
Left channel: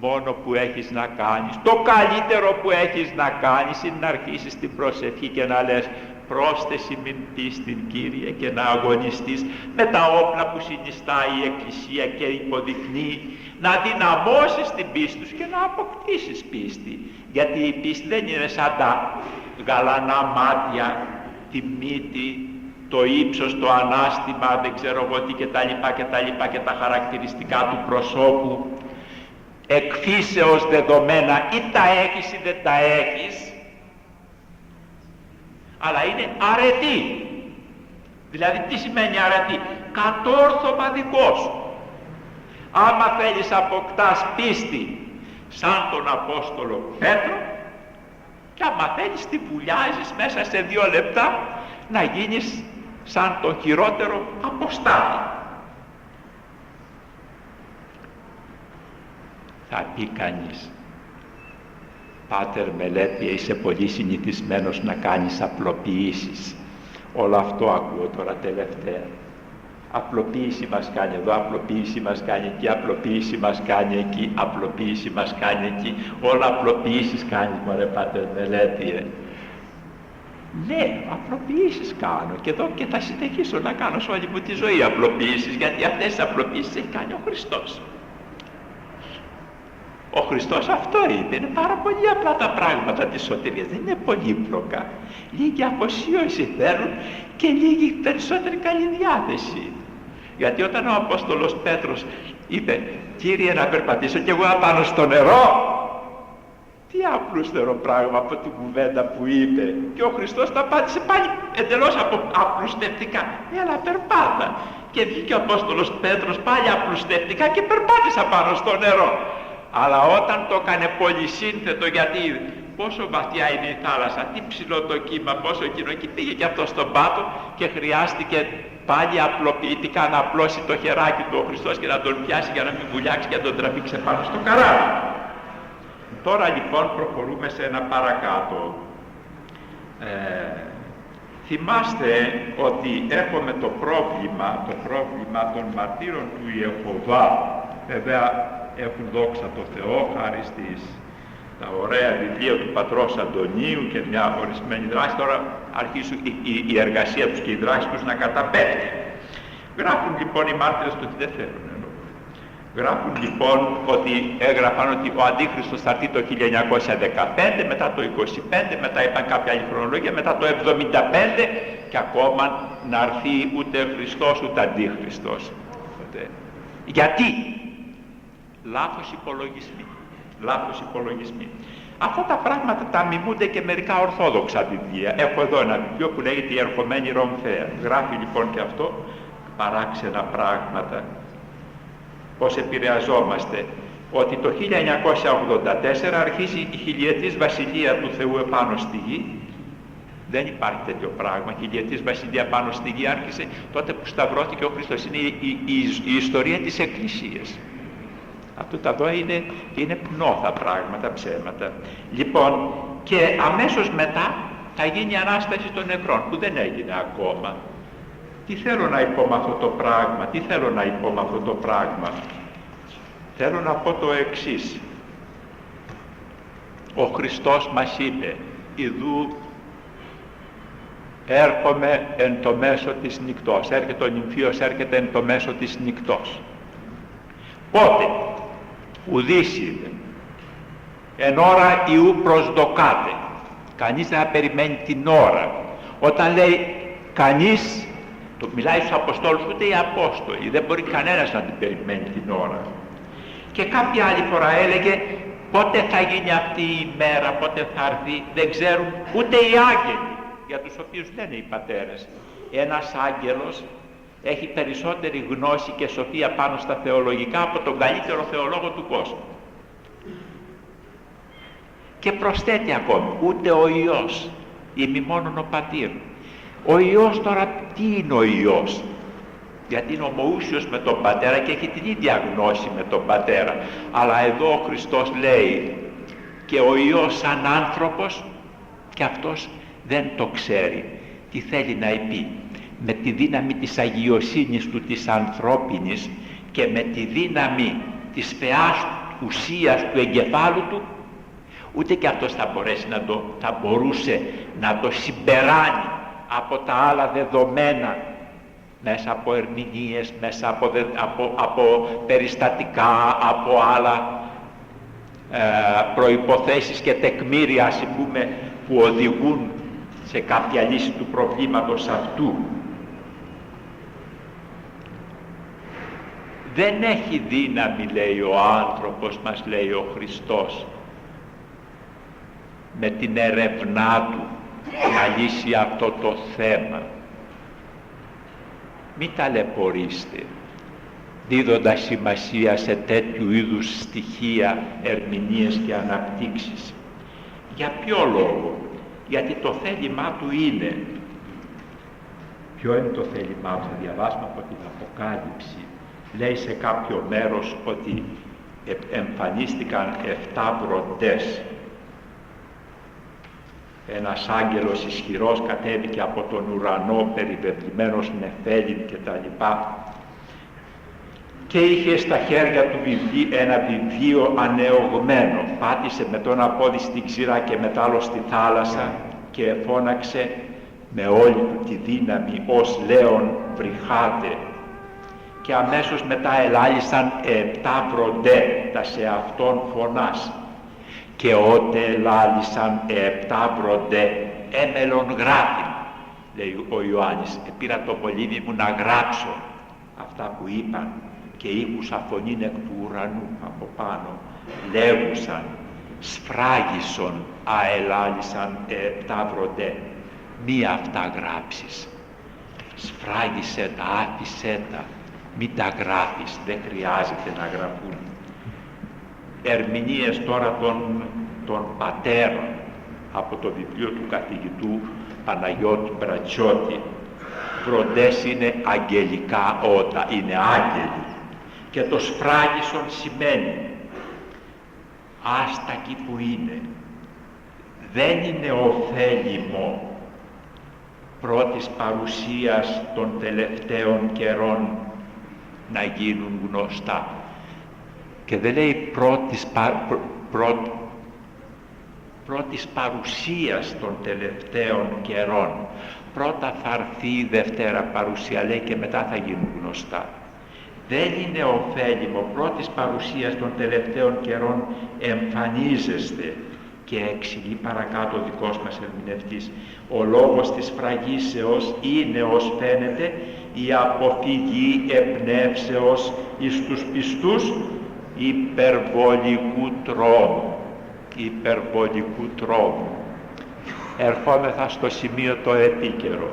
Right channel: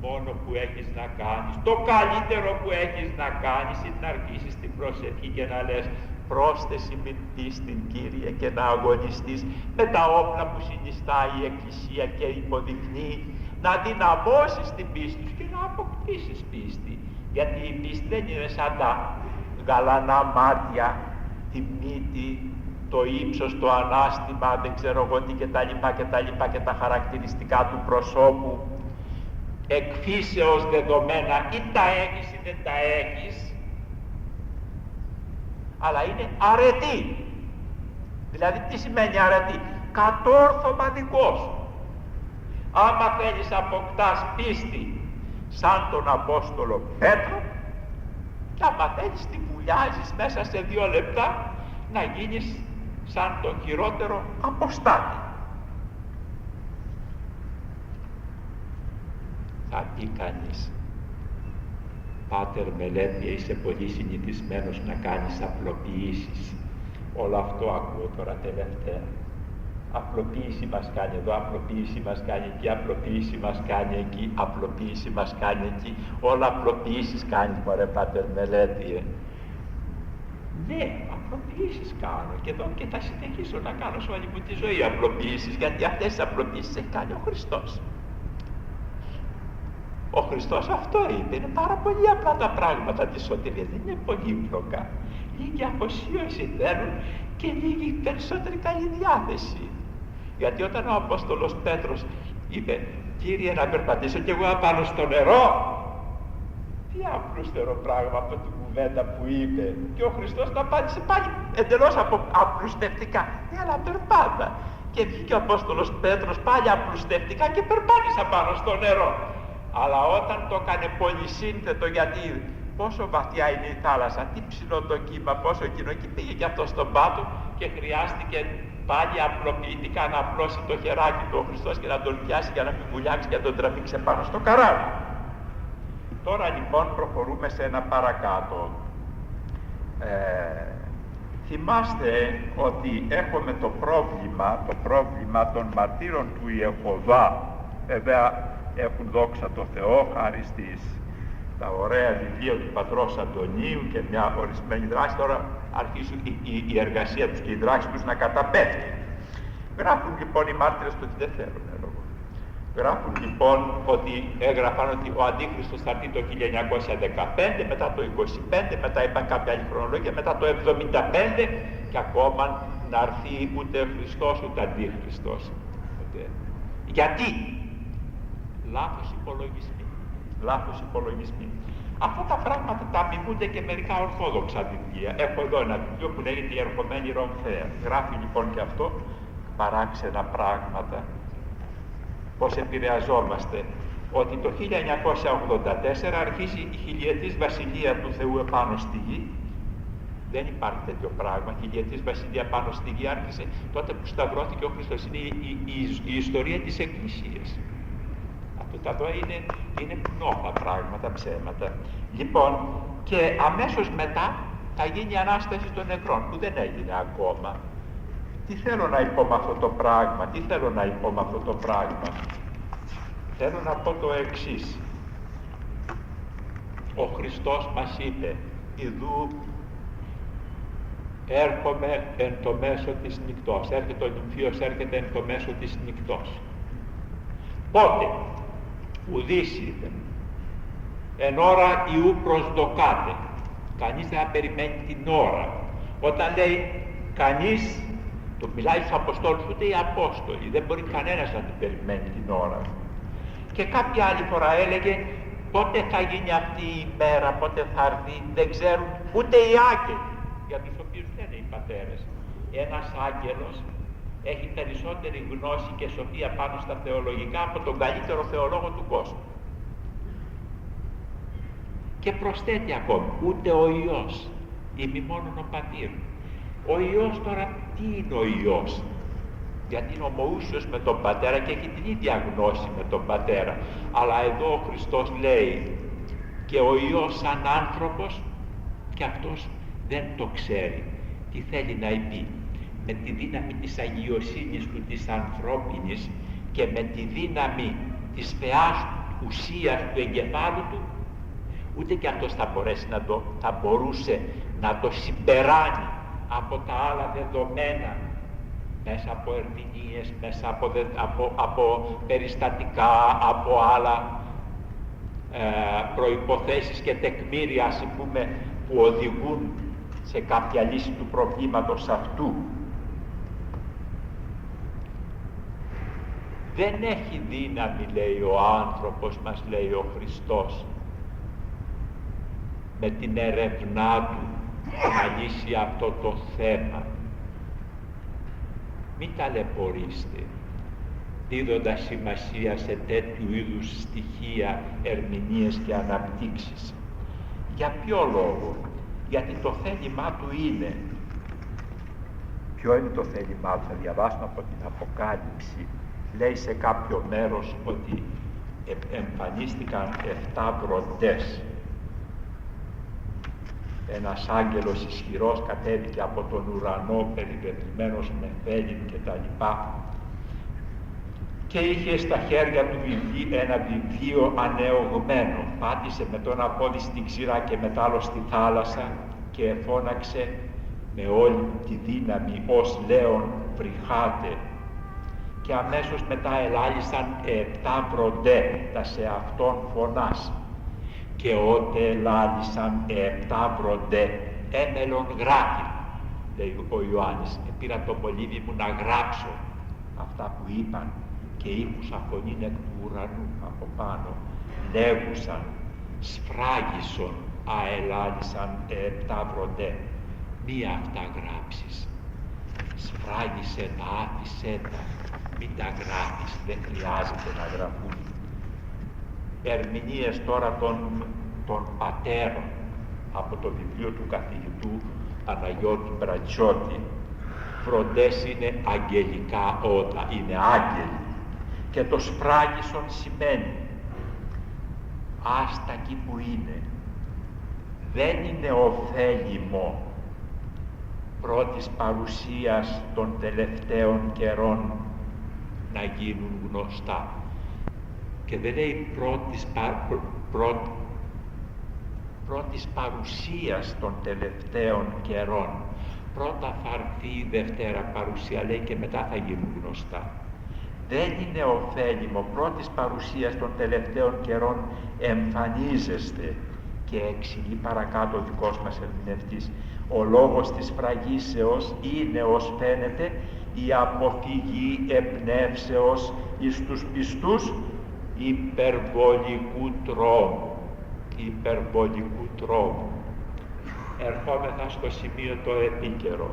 μόνο που έχεις να κάνεις, το καλύτερο που έχεις να κάνεις είναι να αρχίσεις την προσευχή και να λες πρόσθεση μην πίστην Κύριε και να αγωνιστείς με τα όπλα που συνιστά η Εκκλησία και υποδεικνύει, να δυναμώσεις την πίστη σου και να αποκτήσεις πίστη. Γιατί η πίστη δεν είναι σαν τα γαλανά μάτια, τη μύτη, το ύψος, το ανάστημα, δεν ξέρω εγώ τι και τα χαρακτηριστικά του προσώπου, εκφύσεως δεδομένα, ή τα έχεις ή δεν τα έχεις, αλλά είναι αρετή. Δηλαδή τι σημαίνει αρετή? Κατόρθωμα δικό σου. Άμα θέλεις αποκτάς πίστη σαν τον Απόστολο Πέτρο, και άμα θέλεις τη βουλιάζεις μέσα σε 2 λεπτά να γίνεις σαν τον χειρότερο αποστάτη. Θα πει κανείς, Πάτερ Μελέτια, είσαι πολύ συνηθισμένος να κάνεις απλοποιήσεις. Όλο αυτό ακούω τώρα τελευταία. Απλοποίηση μας κάνει εδώ, απλοποίηση μας κάνει εκεί, απλοποίηση μας κάνει εκεί, απλοποίηση μας κάνει εκεί. Όλα απλοποιήσεις κάνεις, μωρέ Πάτερ Μελέτια. Ναι, απλοποιήσεις κάνω και εδώ και θα συνεχίσω να κάνω σε όλη μου τη ζωή απλοποιήσεις, γιατί αυτές τις απλοποιήσεις έχει κάνει ο Χριστός. Ο Χριστός αυτό είπε, είναι πάρα πολύ απλά τα πράγματα της σωτηρίας, δεν είναι πολύπλοκα. Λίγη αφοσίωση θέλουν και λίγη περισσότερη καλή διάθεση. Γιατί όταν ο Απόστολος Πέτρος είπε, Κύριε να περπατήσω κι εγώ απάνω στο νερό, τι απλούστερο πράγμα από την κουβέντα που είπε. Και ο Χριστός τα απάντησε πάλι εντελώς απλουστευτικά, έλα περπάτα. Και βγήκε ο Απόστολος Πέτρος πάλι απλουστευτικά και περπάτησε πάνω στο νερό. Αλλά όταν το έκανε πολυσύνθετο, γιατί πόσο βαθιά είναι η θάλασσα, τι ψηλό το κύμα, πόσο εκείνο, και πήγε και αυτό στον πάτο και χρειάστηκε πάλι απλοποιητικά να απλώσει το χεράκι του ο Χριστός και να τον πιάσει για να μην βουλιάξει και να τον τραβήξει πάνω στο καράβι. Τώρα λοιπόν προχωρούμε σε ένα παρακάτω. Θυμάστε ότι έχουμε το πρόβλημα των μαρτύρων του Ιεχωβά. Βέβαια έχουν, δόξα τω Θεώ, χάρη τα ωραία βιβλία του πατρός Αντωνίου και μια ορισμένη δράση, τώρα αρχίζουν η εργασία τους και η δράση τους να καταπέφτει. Γράφουν λοιπόν οι μάρτυρες ότι δεν θέλουν. Γράφουν λοιπόν ότι έγραφαν ότι ο Αντίχριστος θα έρθει το 1915, μετά το 25, μετά είπαν κάποια άλλη χρονολογία, μετά το 75 και ακόμα να έρθει ούτε Χριστός ούτε Αντίχριστος. Γιατί? Λάθος υπολογισμοί. Αυτά τα πράγματα τα μιμούνται και μερικά ορθόδοξα βιβλία. Έχω εδώ ένα βιβλίο που λέγεται «Η ερχομένη Ρομφαία». Γράφει λοιπόν και αυτό παράξενα πράγματα. Πώς επηρεαζόμαστε, ότι το 1984 αρχίζει η χιλιετής βασιλεία του Θεού επάνω στη γη. Δεν υπάρχει τέτοιο πράγμα. Η χιλιετής βασιλεία πάνω στη γη άρχισε τότε που σταυρώθηκε ο Χριστός. Είναι η ιστορία της Εκκλησίας. Αυτό τα δω είναι πνόθα πράγματα, ψέματα. Λοιπόν, και αμέσως μετά θα γίνει η Ανάσταση των νεκρών, που δεν έγινε ακόμα. Τι θέλω να πω με αυτό το πράγμα, Θέλω να πω το εξής. Ο Χριστός μας είπε, «Ιδού έρχομαι εν το μέσο της νυκτός». Έρχεται ο νυμφίος, έρχεται εν το μέσο της νυκτός. Πότε? Ουδείς είδε. Εν ώρα Ιού προσδοκάτε. Κανείς δεν θα περιμένει την ώρα. Όταν λέει κανείς, το μιλάει στους Αποστόλους, ούτε οι Απόστολοι, δεν μπορεί κανένας να την περιμένει την ώρα. Και κάποια άλλη φορά έλεγε, πότε θα γίνει αυτή η μέρα, πότε θα έρθει, δεν ξέρουν ούτε οι άγγελοι, για τους οποίους λένε οι πατέρες. Ένας άγγελος έχει περισσότερη γνώση και σοφία πάνω στα θεολογικά από τον καλύτερο θεολόγο του κόσμου. Και προσθέτει ακόμη, ούτε ο Υιός, ημιμόνον ο Πατήρ. Ο Υιός τώρα, τι είναι ο Υιός? Γιατί είναι ομοούσιος με τον Πατέρα και έχει την ίδια γνώση με τον Πατέρα. Αλλά εδώ ο Χριστός λέει, και ο Υιός σαν άνθρωπος, και αυτός δεν το ξέρει. Τι θέλει να πει? Με τη δύναμη της αγιοσύνης του, της ανθρώπινης, και με τη δύναμη της φαιάς ουσίας του εγκεφάλου του, ούτε και αυτός θα μπορούσε να το συμπεράνει από τα άλλα δεδομένα, μέσα από ερμηνείες, μέσα από περιστατικά, από άλλα προϋποθέσεις και τεκμήρια, ας πούμε, που οδηγούν σε κάποια λύση του προβλήματος αυτού. Δεν έχει δύναμη, λέει ο άνθρωπος, μας λέει ο Χριστός, με την ερευνά του να λύσει αυτό το θέμα. Μην ταλαιπωρήστε δίδοντας σημασία σε τέτοιου είδους στοιχεία, ερμηνείες και αναπτύξεις. Για ποιο λόγο? Γιατί το θέλημά του είναι. Ποιο είναι το θέλημά του? Θα διαβάσουμε από την Αποκάλυψη. Λέει σε κάποιο μέρος ότι εμφανίστηκαν 7 βροντές. Ένας άγγελος ισχυρός κατέβηκε από τον ουρανό, περιβεβλημένος με φέλιν και τα λοιπά, και είχε στα χέρια του ένα βιβλίο ανεωγμένο. Πάτησε με τον πόδι στην ξηρά και με τ' άλλο στη θάλασσα και φώναξε με όλη του τη δύναμη, ως λέον βρυχάτε. Και αμέσως μετά ελάλησαν 7 βροντέ, τα σε αυτόν φωνάς. Και ότε ελάλησαν 7 βροντέ, έμελον γράφει, λέει ο Ιωάννης. Πήρα το μολύβι μου να γράψω αυτά που είπαν, και ήκουσα φωνήν εκ του ουρανού από πάνω, λέγουσαν, σφράγισον αελάλησαν 7 βροντέ. Μη αυτά γράψεις, σφράγισε τα, άφησέ τα, μην τα γράφεις, δεν χρειάζεται να γραφούν. Ερμηνείες τώρα των πατέρων από το βιβλίο του καθηγητού Παναγιώτου Μπρατσιώτη. Βροντές είναι αγγελικά ότα, είναι άγγελοι, και το σφράγισον σημαίνει άστακοι που είναι. Δεν είναι ωφέλιμο πρώτης παρουσίας των τελευταίων καιρών να γίνουν γνωστά. Και δεν λέει πρώτης παρουσίας των τελευταίων καιρών. Πρώτα θα έρθει η Δευτέρα παρουσία, λέει, και μετά θα γίνουν γνωστά. Δεν είναι ωφέλιμο πρώτης παρουσίας των τελευταίων καιρών εμφανίζεστε. Και εξηγεί παρακάτω ο δικός μας ερμηνευτής. Ο λόγος της φραγίσεως είναι, ως φαίνεται, η αποφυγή εμπνεύσεως εις τους πιστούς υπερβολικού τρόμου. Υπερβολικού τρόμου. Ερχόμεθα στο σημείο το επίκαιρο.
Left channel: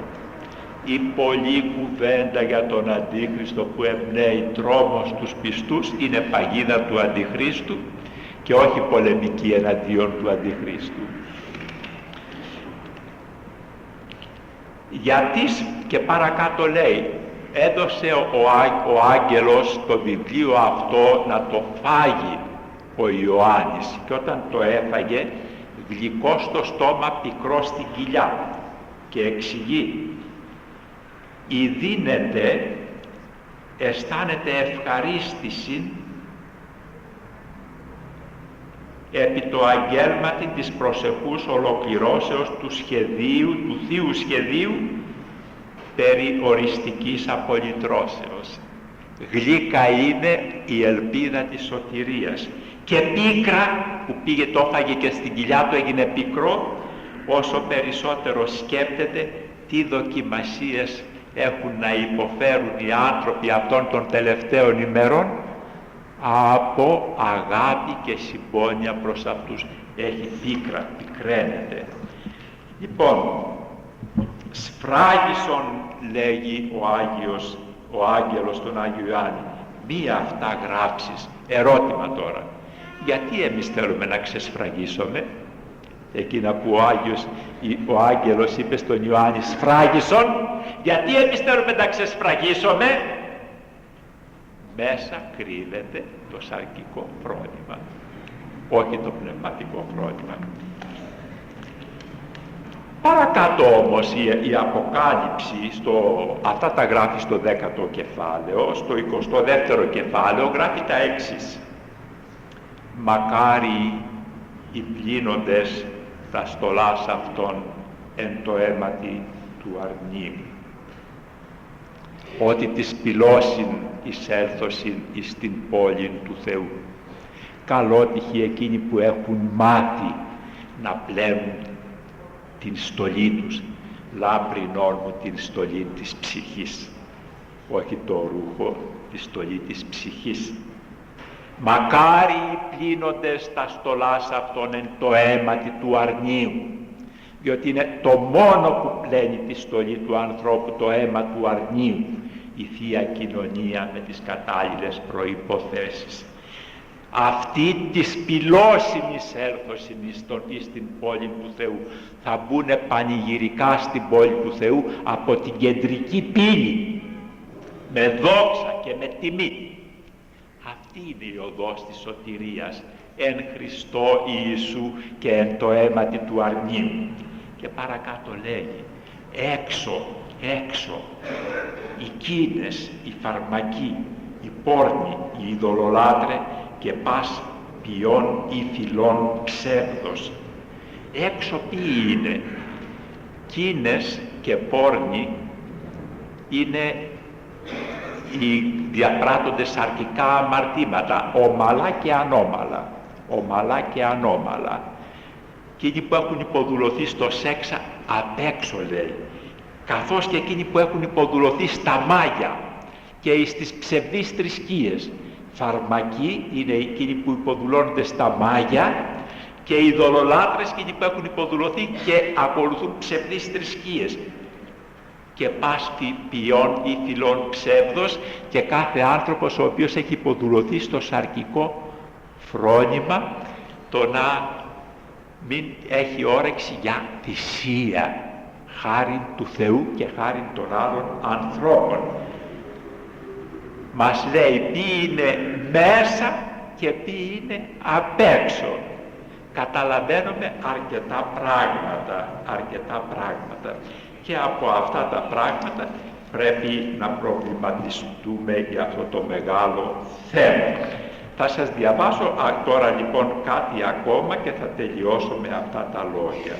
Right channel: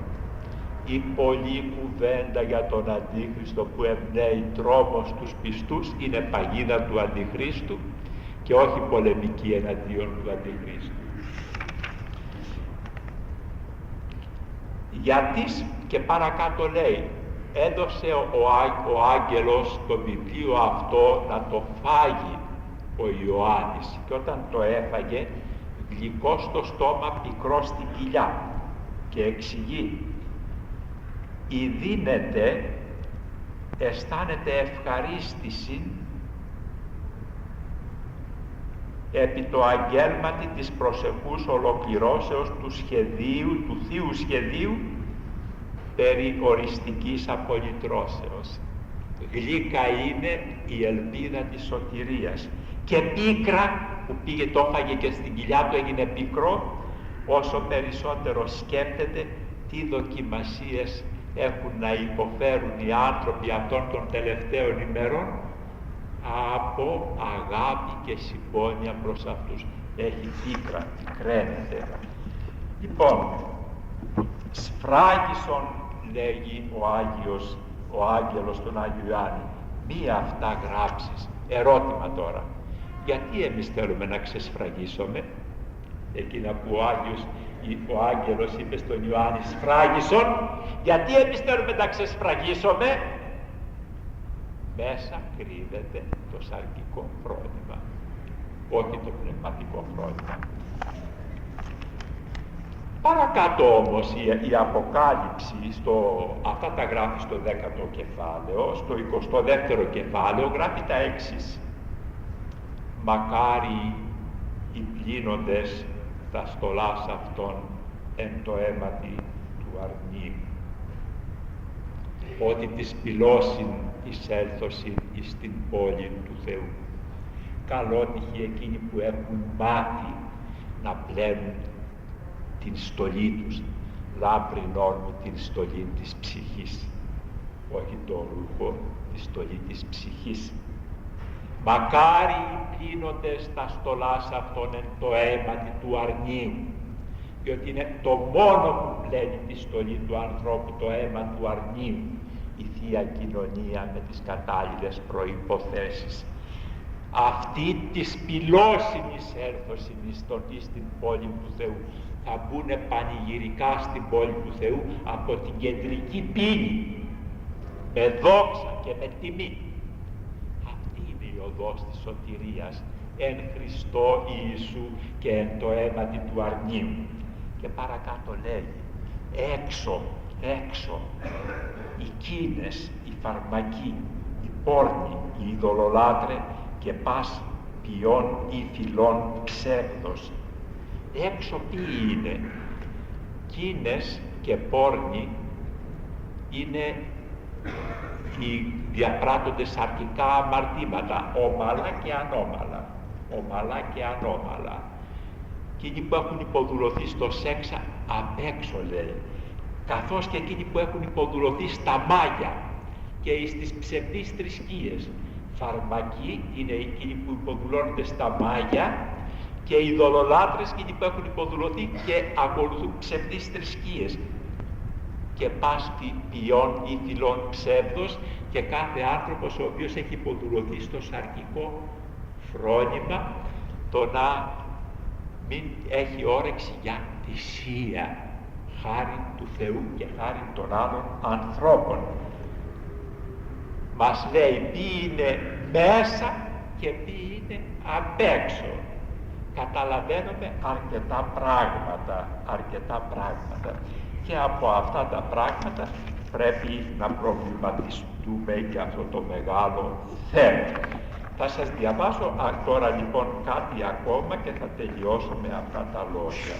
Η πολλή κουβέντα για τον Αντίχριστο που εμπνέει τρόμο στους πιστούς είναι παγίδα του Αντιχρίστου και όχι πολεμική εναντίον του Αντιχρίστου. Γιατί και παρακάτω λέει, έδωσε ο άγγελος το βιβλίο αυτό να το φάγει ο Ιωάννης, και όταν το έφαγε, γλυκό στο στόμα, πικρό στην κοιλιά, και εξηγεί, «Ιδίνεται, αισθάνεται ευχαρίστηση επί το αγγέλματι της προσεχούς ολοκληρώσεως του σχεδίου, του θείου σχεδίου περί οριστικής απολυτρώσεως». Γλύκα είναι η ελπίδα της σωτηρίας, και πίκρα που πήγε, το έφαγε και στην κοιλιά του, έγινε πικρό, όσο περισσότερο σκέπτεται τι δοκιμασίες έχουν να υποφέρουν οι άνθρωποι αυτών των τελευταίων ημερών από αγάπη και συμπόνια προς αυτούς. Έχει πίκρα, πικραίνεται. Λοιπόν, σφράγισον, λέγει ο άγγελος τον Άγιο Ιωάννη, μία αυτά γράψεις. Ερώτημα τώρα, γιατί εμείς θέλουμε να ξεσφραγίσουμε? Εκείνα που ο άγγελος είπε στον Ιωάννη, σφράγισον, γιατί εμείς θέλουμε να ξεσφραγίσουμε? Μέσα κρύβεται το σαρκικό φρόνημα, όχι το πνευματικό φρόνημα. Παρακάτω όμως η Αποκάλυψη, αυτά τα γράφει στο 10ο κεφάλαιο, στο 22ο κεφάλαιο γράφει τα εξής. «Μακάρι οι πλύνοντες τα στολάς αυτών εν το αίματι του αρνίου, ότι της πυλώσιν εισέλθωσιν εις την πόλη του Θεού. Καλότυχοι εκείνοι που έχουν μάτι να πλένουν την στολή τους, λάμπρην όρμου την στολή της ψυχής», όχι το ρούχο, τη στολή της ψυχής. «Μακάρι οι πλύνοντες τα στολάς αυτών εν το αίματι του αρνίου», διότι είναι το μόνο που πλένει τη στολή του ανθρώπου, το αίμα του αρνίου, η Θεία Κοινωνία με τις κατάλληλες προϋποθέσεις. Αυτοί της πυλώσιμης έλθωσιν εις την πόλη του Θεού, θα μπουνε πανηγυρικά στην πόλη του Θεού από την κεντρική πύλη, με δόξα και με τιμή. Αυτή είναι η οδός της σωτηρίας, εν Χριστώ Ιησού και εν το αίματι του αρνίου. Και παρακάτω λέγει, έξω, οι κίνες, οι φαρμακοί, οι πόρνοι, οι ειδωλολάτρε και πας ποιών ή φυλών ψεύδος. Έξω ποιοι είναι? Κίνες και πόρνοι είναι οι διαπράττοντες σαρκικά αμαρτήματα, ομαλά και ανώμαλα. Εκείνοι που έχουν υποδουλωθεί στο σεξ απ' έξω, λέει, καθώς και εκείνοι που έχουν υποδουλωθεί στα μάγια και στις ψευδείς θρησκείες. Φαρμακοί είναι εκείνοι που υποδουλώνονται στα μάγια, και οι ειδωλολάτρες εκείνοι που έχουν υποδουλωθεί και ακολουθούν ψευδείς θρησκείες. Και πας ποιών ή φυλών ψεύδος, και κάθε άνθρωπος ο οποίος έχει υποδουλωθεί στο σαρκικό φρόνημα, το να μην έχει όρεξη για θυσία, χάρη του Θεού και χάρη των άλλων ανθρώπων. Μας λέει ποιοι είναι μέσα και ποιοι είναι απ' έξω. Καταλαβαίνουμε αρκετά πράγματα και από αυτά τα πράγματα πρέπει να προβληματιστούμε για αυτό το μεγάλο θέμα. Θα σας διαβάσω τώρα λοιπόν κάτι ακόμα και θα τελειώσω με αυτά τα λόγια.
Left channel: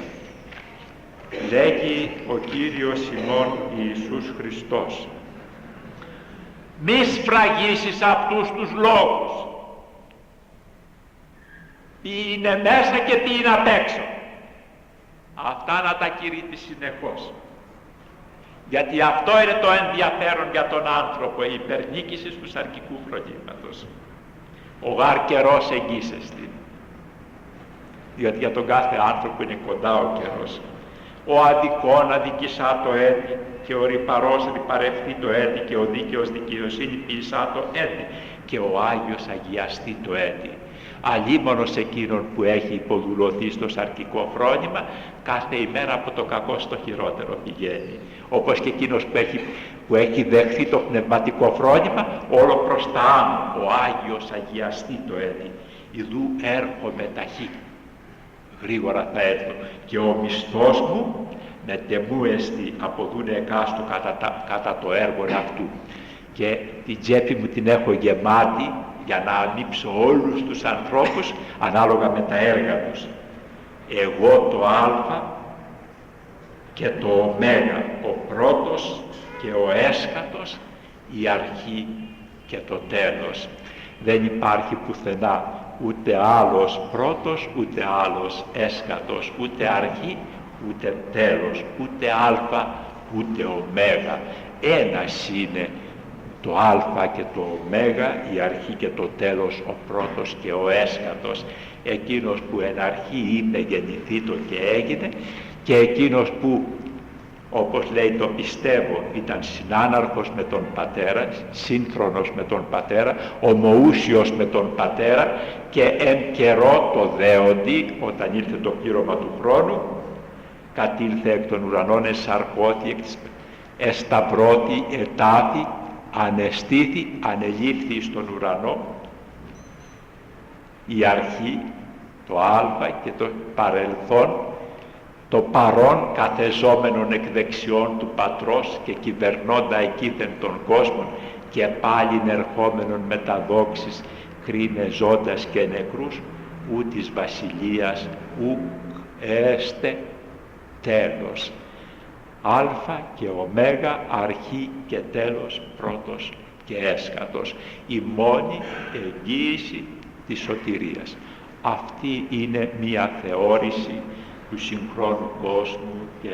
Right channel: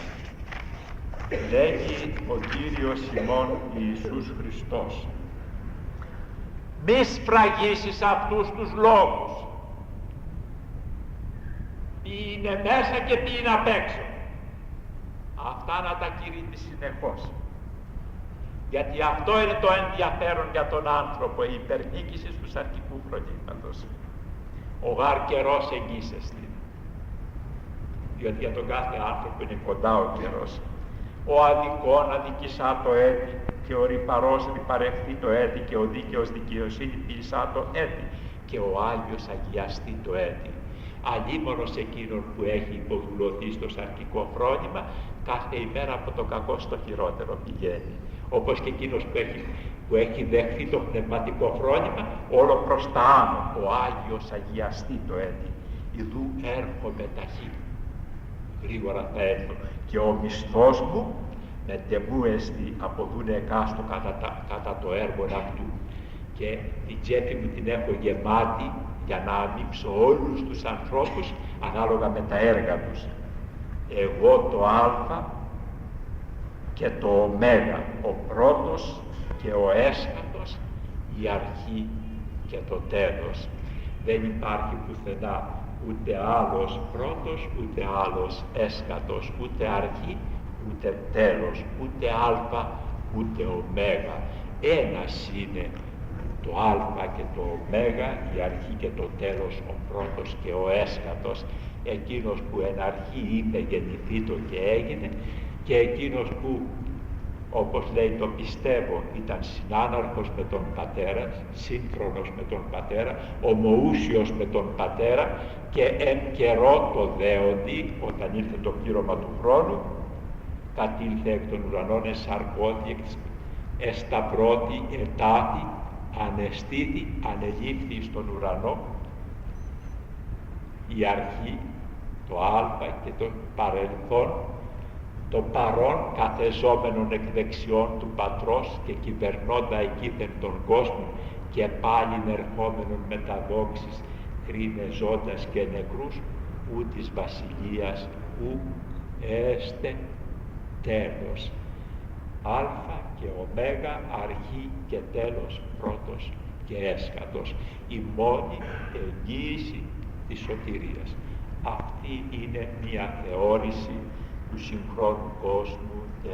Λέγει ο Κύριος ημών Ιησούς Χριστός: μη σφραγίσεις αυτούς τους λόγους. Ποιοι είναι μέσα και ποιοι είναι απ' έξω. Αυτά να τα κηρύττεις συνεχώς. Γιατί αυτό είναι το ενδιαφέρον για τον άνθρωπο, η υπερνίκηση του σαρκικού φρονήματος. Ο γάρ καιρός εγγύσεστη. Διότι για τον κάθε άνθρωπο είναι κοντά ο καιρός. Ο αδικών αδικησά το έτη και ο ρυπαρός ρυπαρευτεί το έτη και ο δίκαιος δικαιοσύνη ποιησά το έτη και ο Άγιος αγιαστεί το έτη. Αλίμονος εκείνον που έχει υποδουλωθεί στο σαρκικό φρόνημα, κάθε ημέρα από το κακό στο χειρότερο πηγαίνει. Όπως και εκείνος που έχει δεχθεί το πνευματικό φρόνημα, όλο προς τα άνω, ο Άγιος αγιαστεί το έτη. Ιδού έρχομαι ταχύ, γρήγορα θα έρθω και ο μισθός μου με τεμού εστι αποδούνε εκάστου κατά το έργο αυτού. Και την τσέπη μου την έχω γεμάτη για να ανήψω όλους τους ανθρώπους ανάλογα με τα έργα τους. Εγώ το Α και το Ω, ο πρώτος και ο έσχατος, η αρχή και το τέλος. Δεν υπάρχει πουθενά ούτε άλλος πρώτος, ούτε άλλος έσχατος, ούτε αρχή, ούτε τέλος, ούτε Α, ούτε Ω. Ένας είναι το Α και το Ω, η αρχή και το τέλος, ο πρώτος και ο έσχατος, εκείνος που εν αρχή είπε γεννηθήτω και έγινε, και εκείνος που, όπως λέει το πιστεύω, ήταν συνάναρχος με τον Πατέρα, σύγχρονος με τον Πατέρα, ομοούσιος με τον Πατέρα, και εν καιρό το δέοντι, όταν ήρθε το πλήρωμα του χρόνου, κατήλθε εκ των ουρανών, εσαρκώθη, εσταυρώθη, ετάθη, ανεστήθη, ανελήφθη στον ουρανό, η αρχή, το Α και το παρελθόν, το παρόν καθεζόμενον εκ δεξιών του Πατρός και κυβερνώντα εκείθεν τον κόσμο, και πάλιν ερχόμενον με τα δόξης κρίνε ζώντας και νεκρούς, ου της βασιλείας ου έστε τέλος. Α και Ω, αρχή και τέλος, πρώτος και έσχατος, η μόνη εγγύηση της σωτηρίας. Αυτή είναι μία θεώρηση του συγχρόνου κόσμου και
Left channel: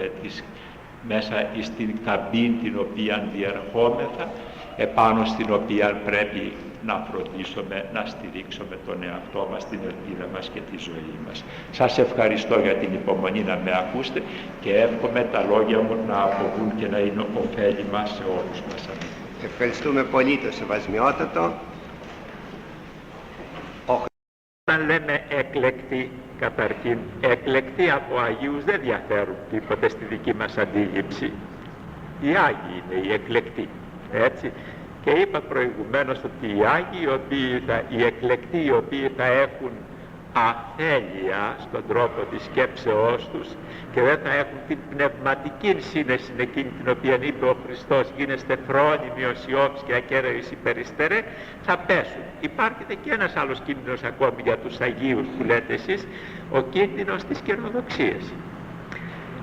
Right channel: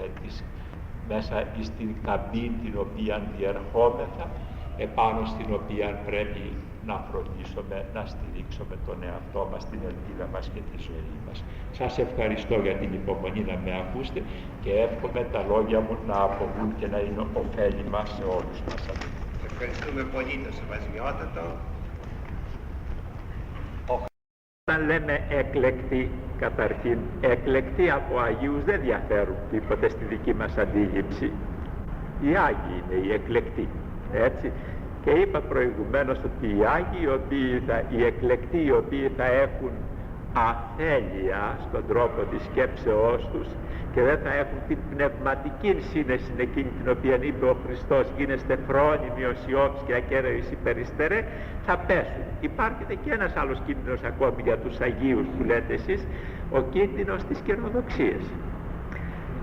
μέσα στην καμπίν την οποία διερχόμεθα, επάνω στην οποία πρέπει να φροντίσουμε, να στηρίξουμε τον εαυτό μας, την ελπίδα μας και τη ζωή μας. Σας ευχαριστώ για την υπομονή να με ακούσετε και εύχομαι τα λόγια μου να αποβούν και να είναι ωφέλιμα σε όλους μας. Ευχαριστούμε πολύ το Σεβασμιότατο. Όταν λέμε εκλεκτοί, καταρχήν, εκλεκτοί από Αγίους δεν διαφέρουν τίποτε στη δική μας αντίληψη. Οι Άγιοι είναι οι εκλεκτοί, έτσι. Και είπα προηγουμένως ότι οι Άγιοι, οι εκλεκτοί, οι οποίοι θα έχουν αθέλεια στον τρόπο της σκέψεώς τους και δεν θα έχουν την πνευματική σύνεση εκείνη την οποία είπε ο Χριστός, γίνεστε φρόνιμοι ως Ιώβης και ακέραιος υπεριστερέ, θα πέσουν. Υπάρχει και ένας άλλος κίνδυνος ακόμη για τους Αγίους που λέτε εσείς, ο κίνδυνος της κερδοξίας.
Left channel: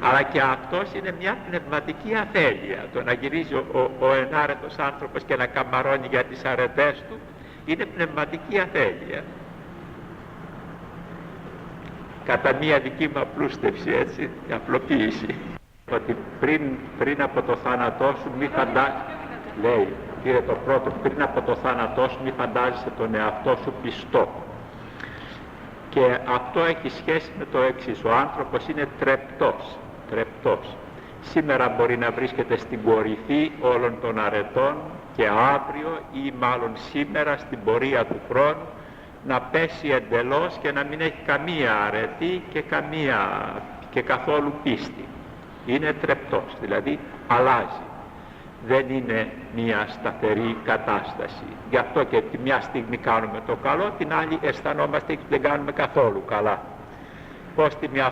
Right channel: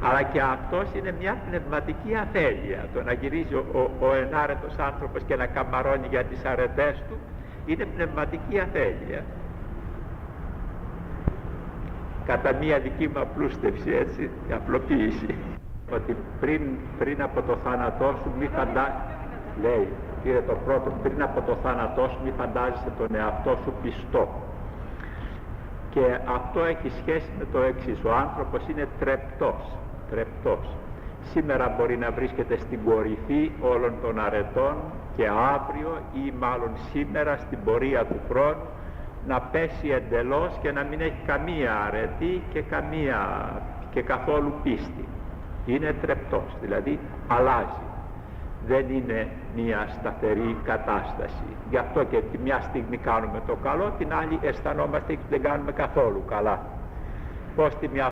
Αλλά και αυτός είναι μια πνευματική αθέλεια. Το να γυρίζει ο ενάρετος άνθρωπος και να καμαρώνει για τις αρετές του είναι πνευματική αθέλεια. Κατά μία δική μου απλούστευση, έτσι, απλοποίηση. Ότι πριν από το θάνατό σου μη λέει, κύριε το πρώτο, πριν από το θάνατό σου μη φαντάζεσαι τον εαυτό σου πιστό. Και αυτό έχει σχέση με το εξής, ο άνθρωπος είναι τρεπτός. Σήμερα μπορεί να βρίσκεται στην κορυφή όλων των αρετών και αύριο ή μάλλον σήμερα στην πορεία του χρόνου να πέσει εντελώς και να μην έχει καμία αρετή και καθόλου πίστη. Είναι τρεπτός, δηλαδή αλλάζει. δεν είναι μια σταθερή κατάσταση. Γι' αυτό και τη μια στιγμή κάνουμε το καλό, την άλλη αισθανόμαστε και δεν κάνουμε καθόλου καλά. Πώς τη μια